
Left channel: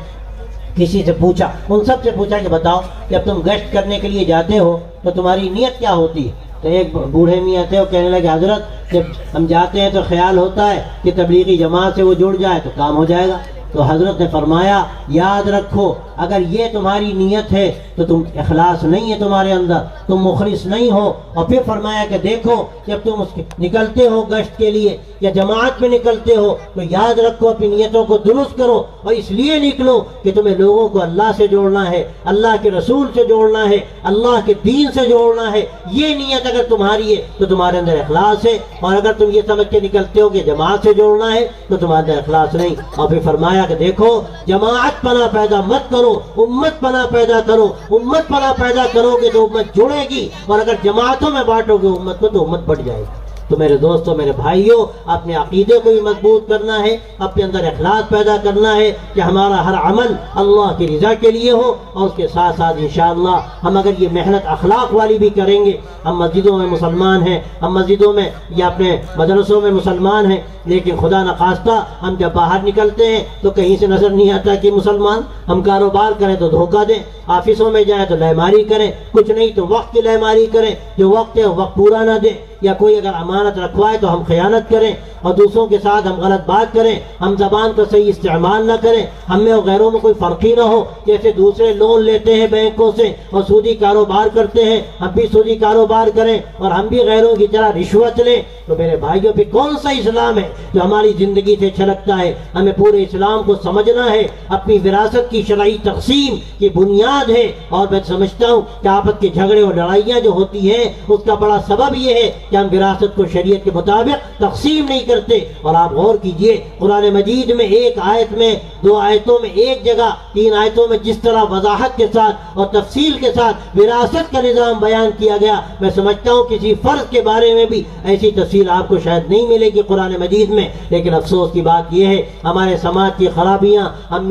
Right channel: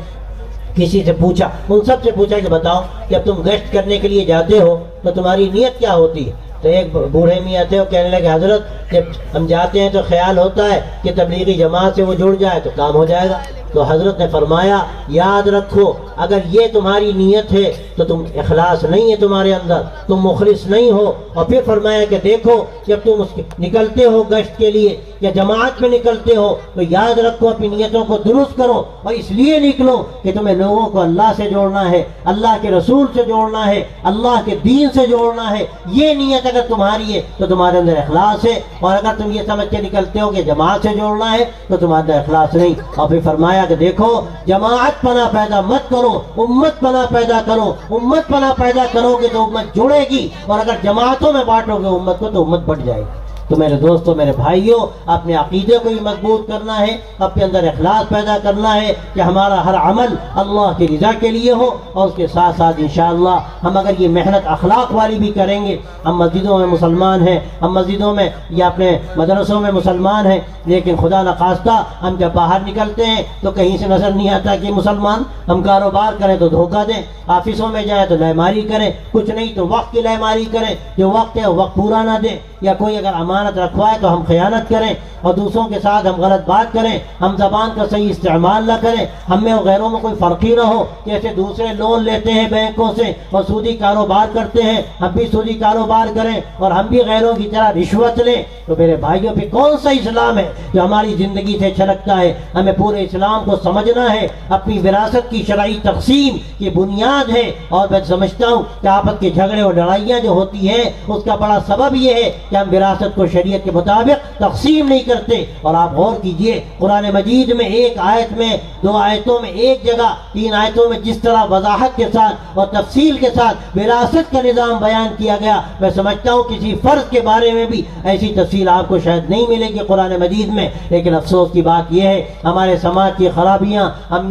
کسی سے پوچھا، ان سب سے پوچھا کہ بتاؤ جب تم گشت کرنے کے لیے جاتے ہو تو تمہاری نیت کیا ہوتی ہے؟ تو ایک بوڑھے میاں تھے، وہ کہنے لگے حضرت جب ہم جاتے ہیں تو خیال ہوتا ہے کہ تبلیغی جماعت سے وہ جڑ جائے تو کام ہو جائے گا۔ تو حضرت نے فرمایا یاد رکھو اگر یہ تمہاری نیت ہے تو تم اخلاص نہیں ہے تمہارے اندر، تم مخلص نہیں ہو۔ اور پھر فرمایا کہ دیکھو جب تم نکلتے ہو گشت کے لیے یا جماعت میں نکلتے ہو تو یاد رکھو اپنی نیتوں کو درست کرو، اور اس لیے نکلو کہ تمہیں لوگوں کو اللہ سے جوڑنا ہے، اللہ کے رسول سے جوڑنا ہے، اللہ کے دین سے جوڑنا ہے۔ یہ نیت اگر تمہاری ہے تو تمہارے اندر اخلاص ہے، اور اگر تم یہ سمجھ کے نکلتے ہو کہ جماعت سے جوڑنا ہے تو تمہارے اندر اخلاص نہیں۔ اور پھر فرمایا کہ دیکھو جماعت پناہ پیدا مت کرو، امت پناہ پیدا کرو، امت پناہ پیدا کرو گے تو امت جڑے گی، اور اگر جماعتوں میں بانٹو گے امت کو تو امت بڑھ جائے گی۔ تو میرے دوستوں، میرے بھائیوں، اپنے عقیدے کو بھی مضبوط کرنا ہے، اپنے اندر اخلاص پیدا کرنا ہے کہ ہمارا ہر عمل اللہ کی رضا کے لیے ہو، اور اس کے ساتھ ساتھ انشاءاللہ ہم اگر یہ محنت اخلاق والی بھی کریں گے، ہم مسجدوں میں مسلمان ہیں، ہم مسجدوں میں یا اپنے مدرسوں میں مسلمان ہیں، لیکن خدا نخواستہ ہم جب باہر نکلتے ہیں تو کہیں سے نظر نہیں آتا کہ مسلمان، ہم کاروبار کریں تو دھوکہ دیں، آفسوں میں جائیں تو لیماری کریں، کچھ نہیں تو وقت کی لیماری کریں، جو وقت ہے وہ وقت پورا نہ دیں، یا کوئی اگر امانت رکھوائے تو ہم خیانت کریں اور دوسروں کے ساتھ ہم غلط بات کریں، ہم زبان کا صحیح استعمال نہ کریں، ہم میں اور غیروں میں کوئی فرق ہی نہ ہو۔ جیسے دوسرے لون لیتے ہیں بینکوں سے اور سودی کاروبار کرتے ہیں، ہم بھی سودی کاروبار کریں اور ہم بھی غیروں کی طرح رشوت لیں، تو میرے بھائیوں پہ کون سا اسلام ہے جو ہماری زندگی سے چھلکتا ہے؟ ہمیں پورے اسلام کو سمجھنا ہے، اپنی وراثت کی شرعی تقسیم کی بنیاد ہے۔ اور میں سمجھتا ہوں کہ آپس کے جھگڑے اور لڑائیاں جو ہوتی ہیں اس کا بڑا سبب یہ ہے کہ ہم وراثت کو شریعت کے مطابق تقسیم نہیں کرتے۔ اور آپ غور کیجئے قرآن مجید میں ایک آیت میں، دو آیتوں میں، ایک جگہ، تین آیتوں میں جس طرح وضاحت کے ساتھ اور تفصیل کے ساتھ وراثت کا نظام بیان کیا گیا، میں سمجھتا ہوں کسی فرض کے بارے میں بھی ایسی تفصیل آپ کو شاید نہیں ملے گی قرآن مجید میں۔ لیکن افسوس کی بات یہ ہے ہمارے سماج کی خرابیاں، ہم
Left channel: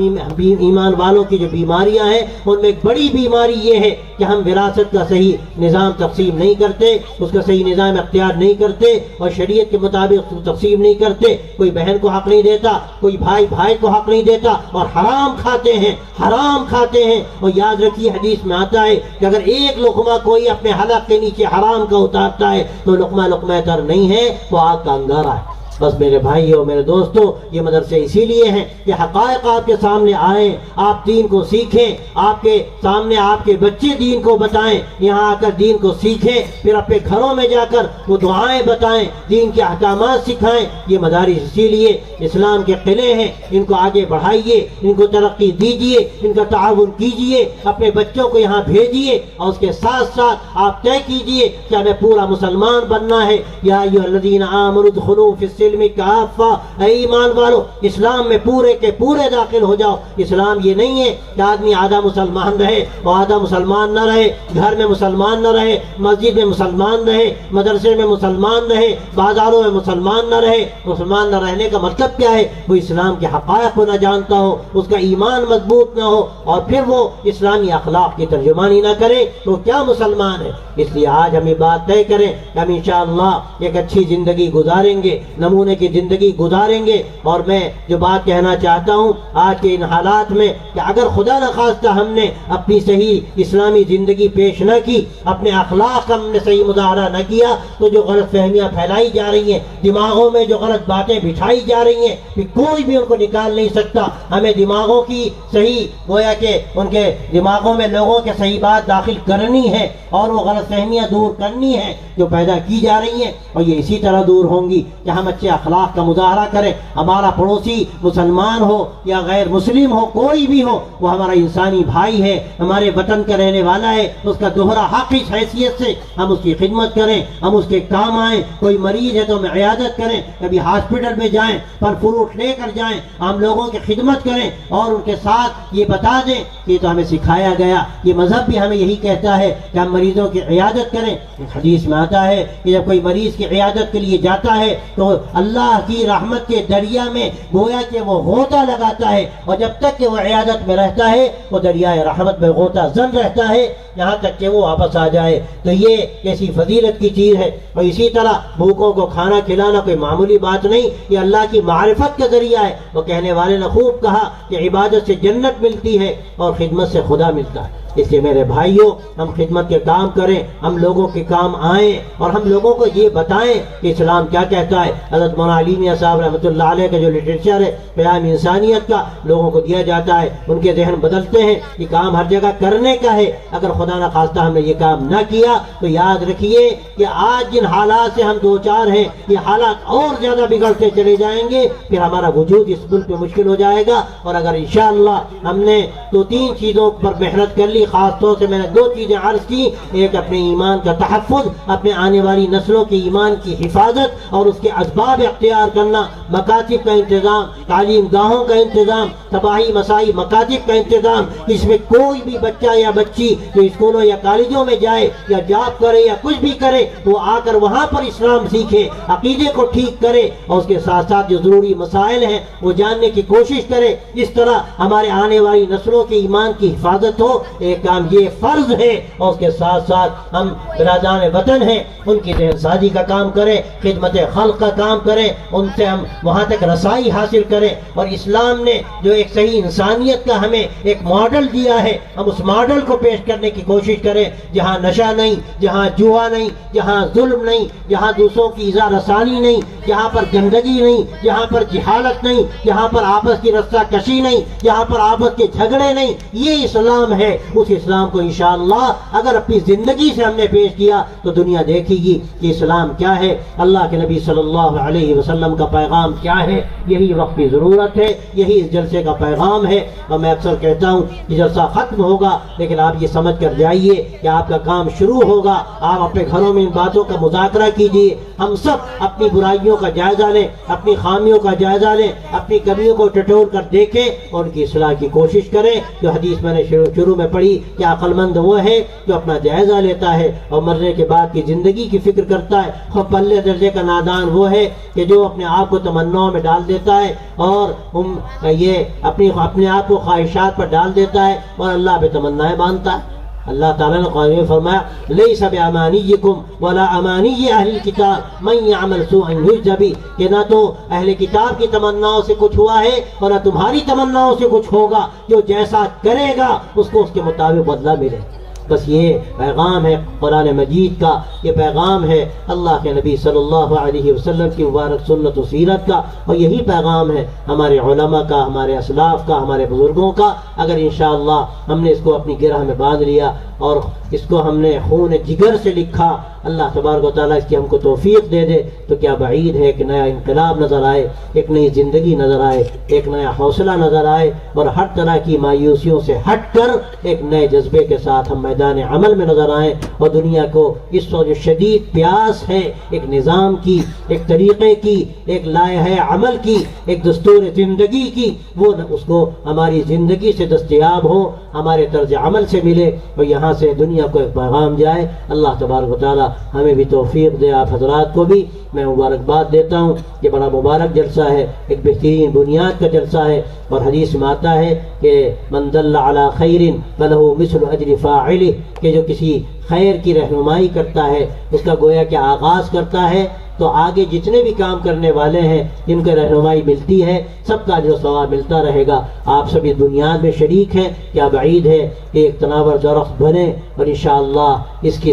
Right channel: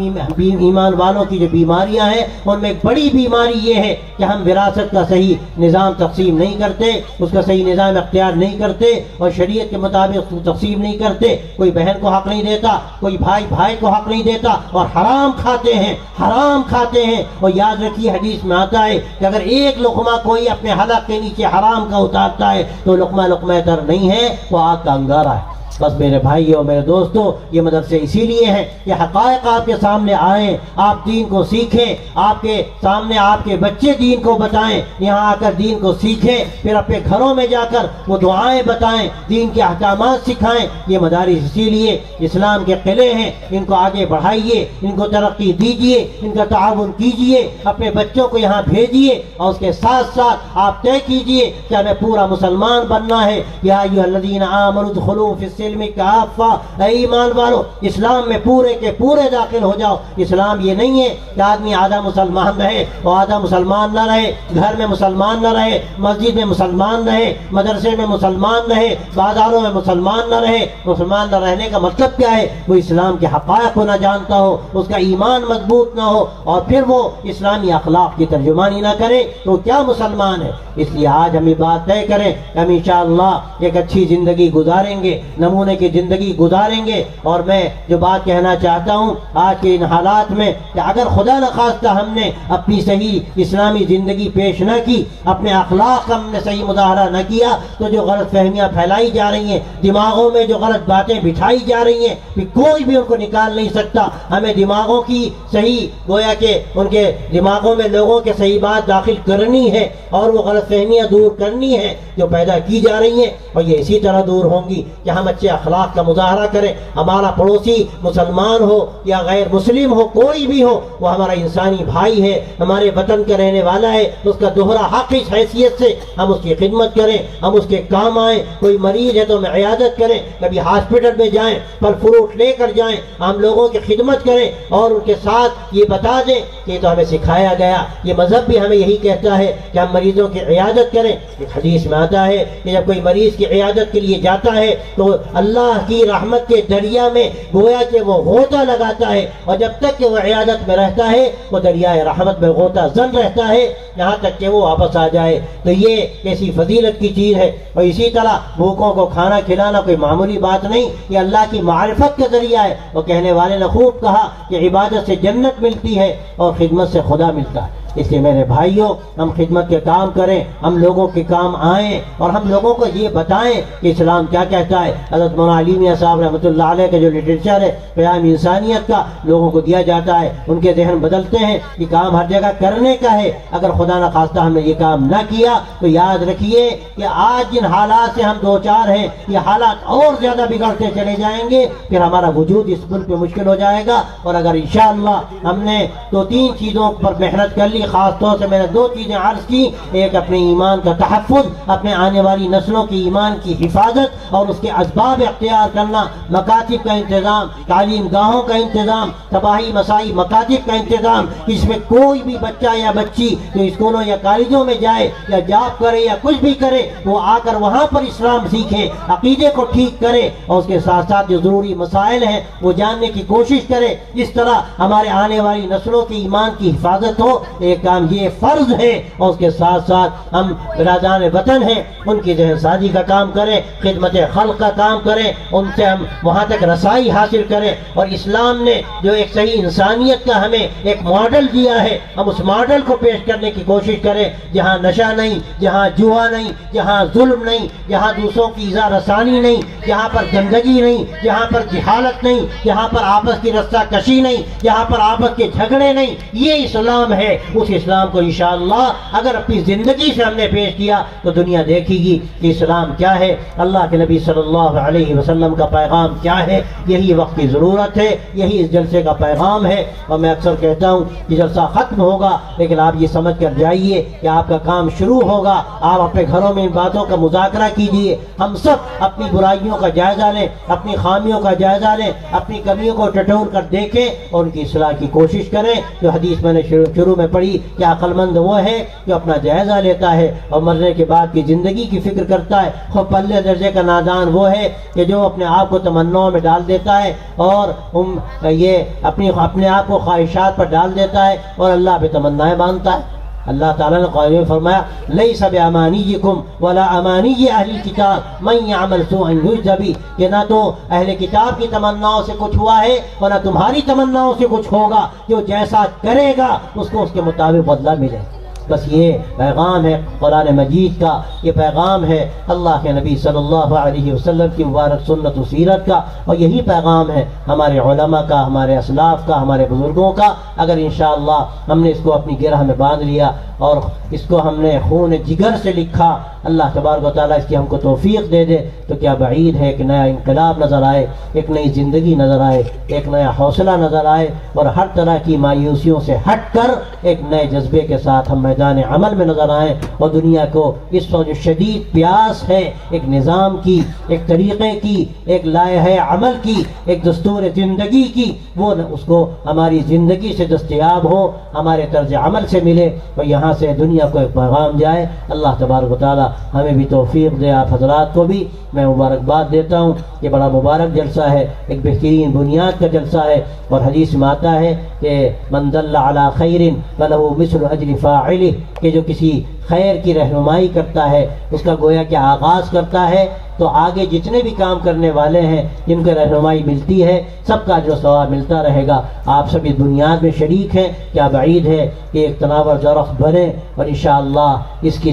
ایمان والوں کی جو بیماریاں ہیں ان میں ایک بڑی بیماری یہ ہے کہ ہم وراثت کا صحیح نظام تقسیم نہیں کرتے، اس کا صحیح نظام اختیار نہیں کرتے، کرتے اور شریعت کے مطابق تقسیم نہیں کرتے. کوئی بہن کو حق نہیں دیتا, کوئی بھائی بھائی کو حق نہیں دیتا, اور حرام کھاتے ہیں, حرام کھاتے ہیں. اور یاد رکھیے حدیث میں آتا ہے کہ اگر ایک لقمہ کوئی اپنے حلق کے نیچے حرام کا اتارتا ہے تو لقمہ لقمہ در نہیں ہے, وہ آگ کا انگارہ ہے. بس میرے بھائیوں میرے دوستوں, یہ مدرسے اسی لیے ہیں کہ حقائق آپ کے سامنے آئیں, آپ دین کو سیکھیں, آپ کے سامنے آپ کے بچے دین کو بتائیں, یہاں آ کر دین کو سیکھیں, پھر اپنے گھروں میں جا کر وہ دعائیں بتائیں, دین کے احکامات سکھائیں. یہ مدارس اسی لیے اسلام کے قلعے ہیں, ان کو آگے بڑھائیے, ان کو ترقی دیجیے, ان کا تعاون کیجیے, اپنے بچوں کو یہاں بھیجیے, اور اس کے ساتھ ساتھ آپ طے کیجیے کہ ہمیں پورا مسلمان بننا ہے. یا ایھا الذین آمنوا ادخلوا فی السلم کافہ, اے ایمان والو اسلام میں پورے کے پورے داخل ہو جاؤ. اسلام یہ نہیں ہے کہ آدمی آدھا مسلمان رہے اور آدھا مسلمان نہ رہے, گھر میں مسلمان نہ رہے, مسجد میں مسلمان رہے, مدرسے میں مسلمان رہے, بازاروں میں مسلمان نہ رہے. مسلمان نہ رہنے کا مطلب کیا ہے؟ وہ اسلام کے حقائق کو نہ جانتا ہو, اس کا ایمان مضبوط نہ ہو, اور پھر وہ اسلامی اخلاق کی ترجمانی نہ کرے تو کیا مسلمان ہے؟ اس لیے آج ہم یہ بات طے کریں کہ ہم انشاءاللہ ایک اچھی زندگی گزاریں گے, نمونے کی زندگی گزاریں گے. اور میں جو بات کہنا چاہتا ہوں آج کے ان حالات میں کہ اگر خدا نخواستہ ہم نے اپنی صحیح اسلامی زندگی پیش نہ کی, اپنے اخلاق کا ہم نے صحیح مظاہرہ نہ کیا, تو جو غلط فہمیاں پھیلائی جا رہی ہیں, دماغوں میں جو غلط باتیں بٹھائی جا رہی ہیں, کہ کوئی بھی ان کو نکال نہیں سکتا. ہمیں دماغوں کی صحیح گویا کہ ان کے دماغوں میں لوگوں کے صحیح بات داخل کرنی ہے, اور وہ غلط فہمیاں دور کرنی ہے جو پیدا کی جا رہی ہیں. اور یہ اسی طرح دور ہوں گی کہ ہم اچھے اخلاق کا مظاہرہ کریں. ہمارا پڑوسی مسلمان ہو یا غیر مسلم ہو, کوئی بھی ہو, وہ ہمارا انسانی بھائی ہے, ہمارے وطن کا رہنے والا ہے. اس کا دوہرا حق اس حیثیت سے ہم اس کی خدمت کریں, ہم اس کے کام آئیں. کوئی مریض ہے تو ہم عیادت کریں, کبھی ہاسپٹل میں جائیں, پھل فروٹ لے کر جائیں, ہم لوگوں کی خدمت کریں, اور ان کے ساتھ یہ بتا دیں کہ یہ تو ہمیں سکھایا گیا, یہ مذہب بھی ہمیں یہی کہتا ہے کہ ہم مریضوں کی عیادت کریں. ایک حدیث میں آتا ہے کہ جب کوئی مریض کی عیادت کے لیے جاتا ہے تو اللہ کی رحمت کے دریا میں گویا کہ وہ غوطہ لگاتا ہے, اور جب تک کہ وہ عیادت میں رہتا ہے وہ دریائے رحمت میں غوطہ زن رہتا ہے, یہاں تک کہ وہ واپس آ جائے. تو یہ کیسی فضیلت کی چیز ہے. اور اسی طرح بھوکوں کو کھانا کھلانا کوئی معمولی بات نہیں, یہ اللہ کی معرفت کا ذریعہ ہے. وہ کہنے والے نے خوب کہا کہ عبادت سے جنت ملتی ہے اور خدمت سے خدا ملتا ہے. اس لیے میرے بھائیوں, ہم خدمت کے کام کریں, ہم لوگوں کے کام آئیں, اور ہم لوگوں کو یہ بتائیں کہ اسلام کیا کہتا ہے. حضرت مولانا علی میاں صاحب رحمۃ اللہ علیہ کا جو لٹریچر ہے پیام انسانیت کا, لوگوں کو دیا جاتا ہے, ان کے ذہن بدلتے ہیں. یہ کام ہر جگہ کرنے کا ہے. اگر خدا نخواستہ ہم نے یہ کام نہ کیا تو یاد رکھیے کہ آج جن حالات سے ہم دو چار ہیں, یہ حالات اور زیادہ بگڑتے چلے جائیں گے. پھر ہمارا وجود اس ملک میں مشکل ہو جائے گا. اور اگر انشاءاللہ ہم نے 2-3 چیزوں پر محنت کر لی, خاص طور سے میں نے 2 چیزیں عرض کی, ایک اپنے ایمان کا تحفظ, اپنے آنے والی نسلوں کی ایمان کی حفاظت اور اس کے اسباب اختیار کرنا, مکاتب کا انتظام, تعلیم گاہوں کا انتظام, تباہی مسائی مکاتب کا انتظام. اس میں کوئی بھی بچہ یا بچی جو اسکولوں یا کالجوں میں جائے یا جاب کرے یا کچھ بھی کرے, وہ آ کر وہاں پر اسلام سیکھے, عقیدے کو ٹھیک کرے, اور اس کے ساتھ ساتھ جو ضروری مسائل ہیں وہ جاننے کی کوشش کرے. اس طرح ہمارے آنے والی نسلوں کے ایمان کی حفاظت ہو. ایک کام یہ فرض ہے, اور اس کے ساتھ ساتھ ہم برادران وطن ہیں, ان کی ذہن سازی کا کام کریں, خدمت خلق کا کام کریں, ان سے ہم وہاں تک رسائی حاصل کریں. اور اسلام نے جو ایک صحیح انسانیت کا ہمیں ایک ماڈل دیا ہے, ہم اس ماڈل کو پیش کرنے کی کوشش کریں, جہاں نشہ نہیں, جہاں جوا نہیں, جہاں ظلم نہیں, جہاں دوسروں کی ایذا رسانی نہیں, جہاں پر گندگی نہیں, جہاں پر جہالت نہیں, جہاں پر آپس کی رسہ کشی نہیں, جہاں پر آپس کے جھگڑے نہیں. یہ اسلام ہے. اس اسلام کو انشاءاللہ اگر اپنی زندگی سے ہم نے پیش کیا تو دنیا دیکھے گی کہ اسلام کیا ہے, اللہ کے نبی صلی اللہ علیہ وسلم کا پیغام کیا ہے. یہی وقت کی ضرورت ہے, یہی اس جلسے کا پیغام ہے. اور میں اکثر کہتا ہوں کہ جلسہ ختم ہوگا, لیکن آپ یہ سمجھ کر جائیے کہ آپ کا کام شروع ہوگا. آپ اپنے گھروں میں ان باتوں کا مذاکرہ کیجیے. ہم سب اپنی برائیوں کا جائزہ لیں, اپنی خامیوں کا جائزہ لیں, اپنی کمیوں کو ٹٹول کر دیکھیں اور ان کی اصلاح کی کوشش کریں. جو حدیث میں نے شروع میں پڑھی کہ عقل مند وہ ہے جو اپنا جائزہ لیتا ہے اور مرنے کے بعد کی زندگی کی فکر کرتا ہے. خوب پلے درجے کا نادان وہ ہے کہ جو اپنے آپ کو تمناؤں میں ڈال دیتا ہے اور یہ اپنے آپ کو خواہشات پر ڈال دیتا ہے اور اللہ پہ تمنائیں باندھتا ہے. اللہ تعالیٰ نے قرآن میں فرمایا لیس بامانیکم ولا امانی اہل الکتاب من یعمل سوءا یجز بہ، کہ نہ تو اہل کتاب کی تمناؤں سے کچھ ہوا ہے اور نہ تمہاری تمناؤں سے کچھ ہوگا، جو جیسا کرے گا اس کو اس کے مطابق بدلہ ملے۔ بس یہ پیغام ہے قرآن مجید کا، یہ پیغام ہے اللہ کے نبی صلی اللہ علیہ وسلم کی مبارک سنت و سیرت کا، اور یہی پیغام ہے ہمارے علماء کا، ہمارے اسلاف کا، ہمارے بزرگوں کا۔ اگر انشاءاللہ ہم نے اس کو اپنی گرہ میں باندھ لیا اور اس کو ہم نے خون جگر سے لکھا، اللہ تبارک و تعالیٰ اس کی ہم کو توفیق دے دے، تو کیا بعید ہے کہ نیا انقلاب نظر آئے، ایک نئی زندگی نظر آئے، ایک نیا حوصلہ نظر آئے، اور ہر طرح کی مایوسیوں سے ہٹ کر ایک نئے جذبے کے ساتھ ہم میدان عمل میں نظر آئیں، اور دنیا کو اس وقت جو شدید پیاس ہے ایک نظام کی، ایک طریقے کی، ایک لائحہ عمل کی، ایک دستور زندگی کی، وہ اس کو ہماری زندگی سے دستیاب ہو، ہمارے طرز عمل سے ملے، اور یہاں سے دنیا کو ایک پیغام جائے۔ اللہ تبارک و تعالی ہمیں بھی توفیق دے، آپ حضرات کو بھی میں مبارکباد دیتا ہوں۔ یہ بڑا مبارک جلسہ ہے، ایک بہترین بنیاد کا جلسہ ہے، اور حدیث میں آتا ہے کہ من دل علی خیر فلہ مثل اجر فاعلہ، کہ جو کسی خیر کی رہنمائی کرتا ہے، اس کا گویا کہ آغاز کرتا ہے، تو آگے جتنے بھی کام کرنے والے ہیں جن کو رہنمائی ملتی ہے سب کا جو ثواب ملتا رہے گا۔ آپ سب اس بنیاد میں شریک ہیں، کیا بعید ہے کہ ایک تناور درخت بنے اور انشاءاللہ اس کے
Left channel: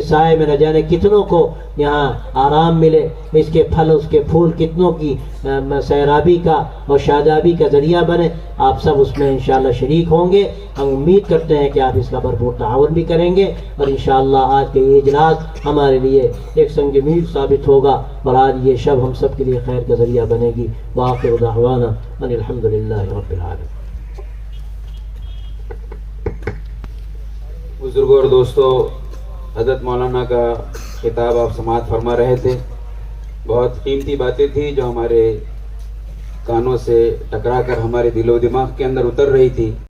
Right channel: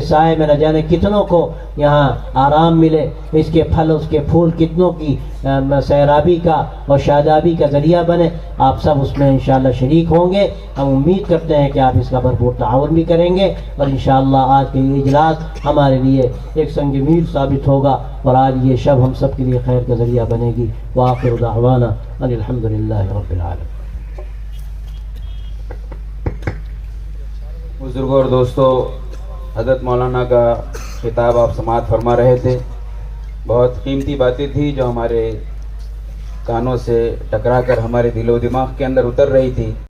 سائے میں نہ جانے کتنوں کو یہاں آرام ملے، اس کے پھل اس کے پھول کتنوں کی سیرابی کا اور شادابی کا ذریعہ بنے۔ آپ سب اس میں انشاءاللہ شریک ہوں گے۔ ہم امید کرتے ہیں کہ آپ اس کا بھرپور تعاون بھی کریں گے، اور انشاءاللہ آج کے یہ اجلاس ہمارے لیے ایک سنگ میل ثابت ہوگا، اور آج یہ شب ہم سب کے لیے خیر کا ذریعہ بنے گی۔ وآخر دعوانا ان الحمدللہ رب العالمین۔ بزرگوں اور دوستوں، حضرت مولانا کا خطاب آپ سماعت فرما رہے تھے، بہت قیمتی باتیں تھی جو ہمارے کانوں سے ٹکرا کر ہمارے دل و دماغ کے اندر اتر رہی تھی۔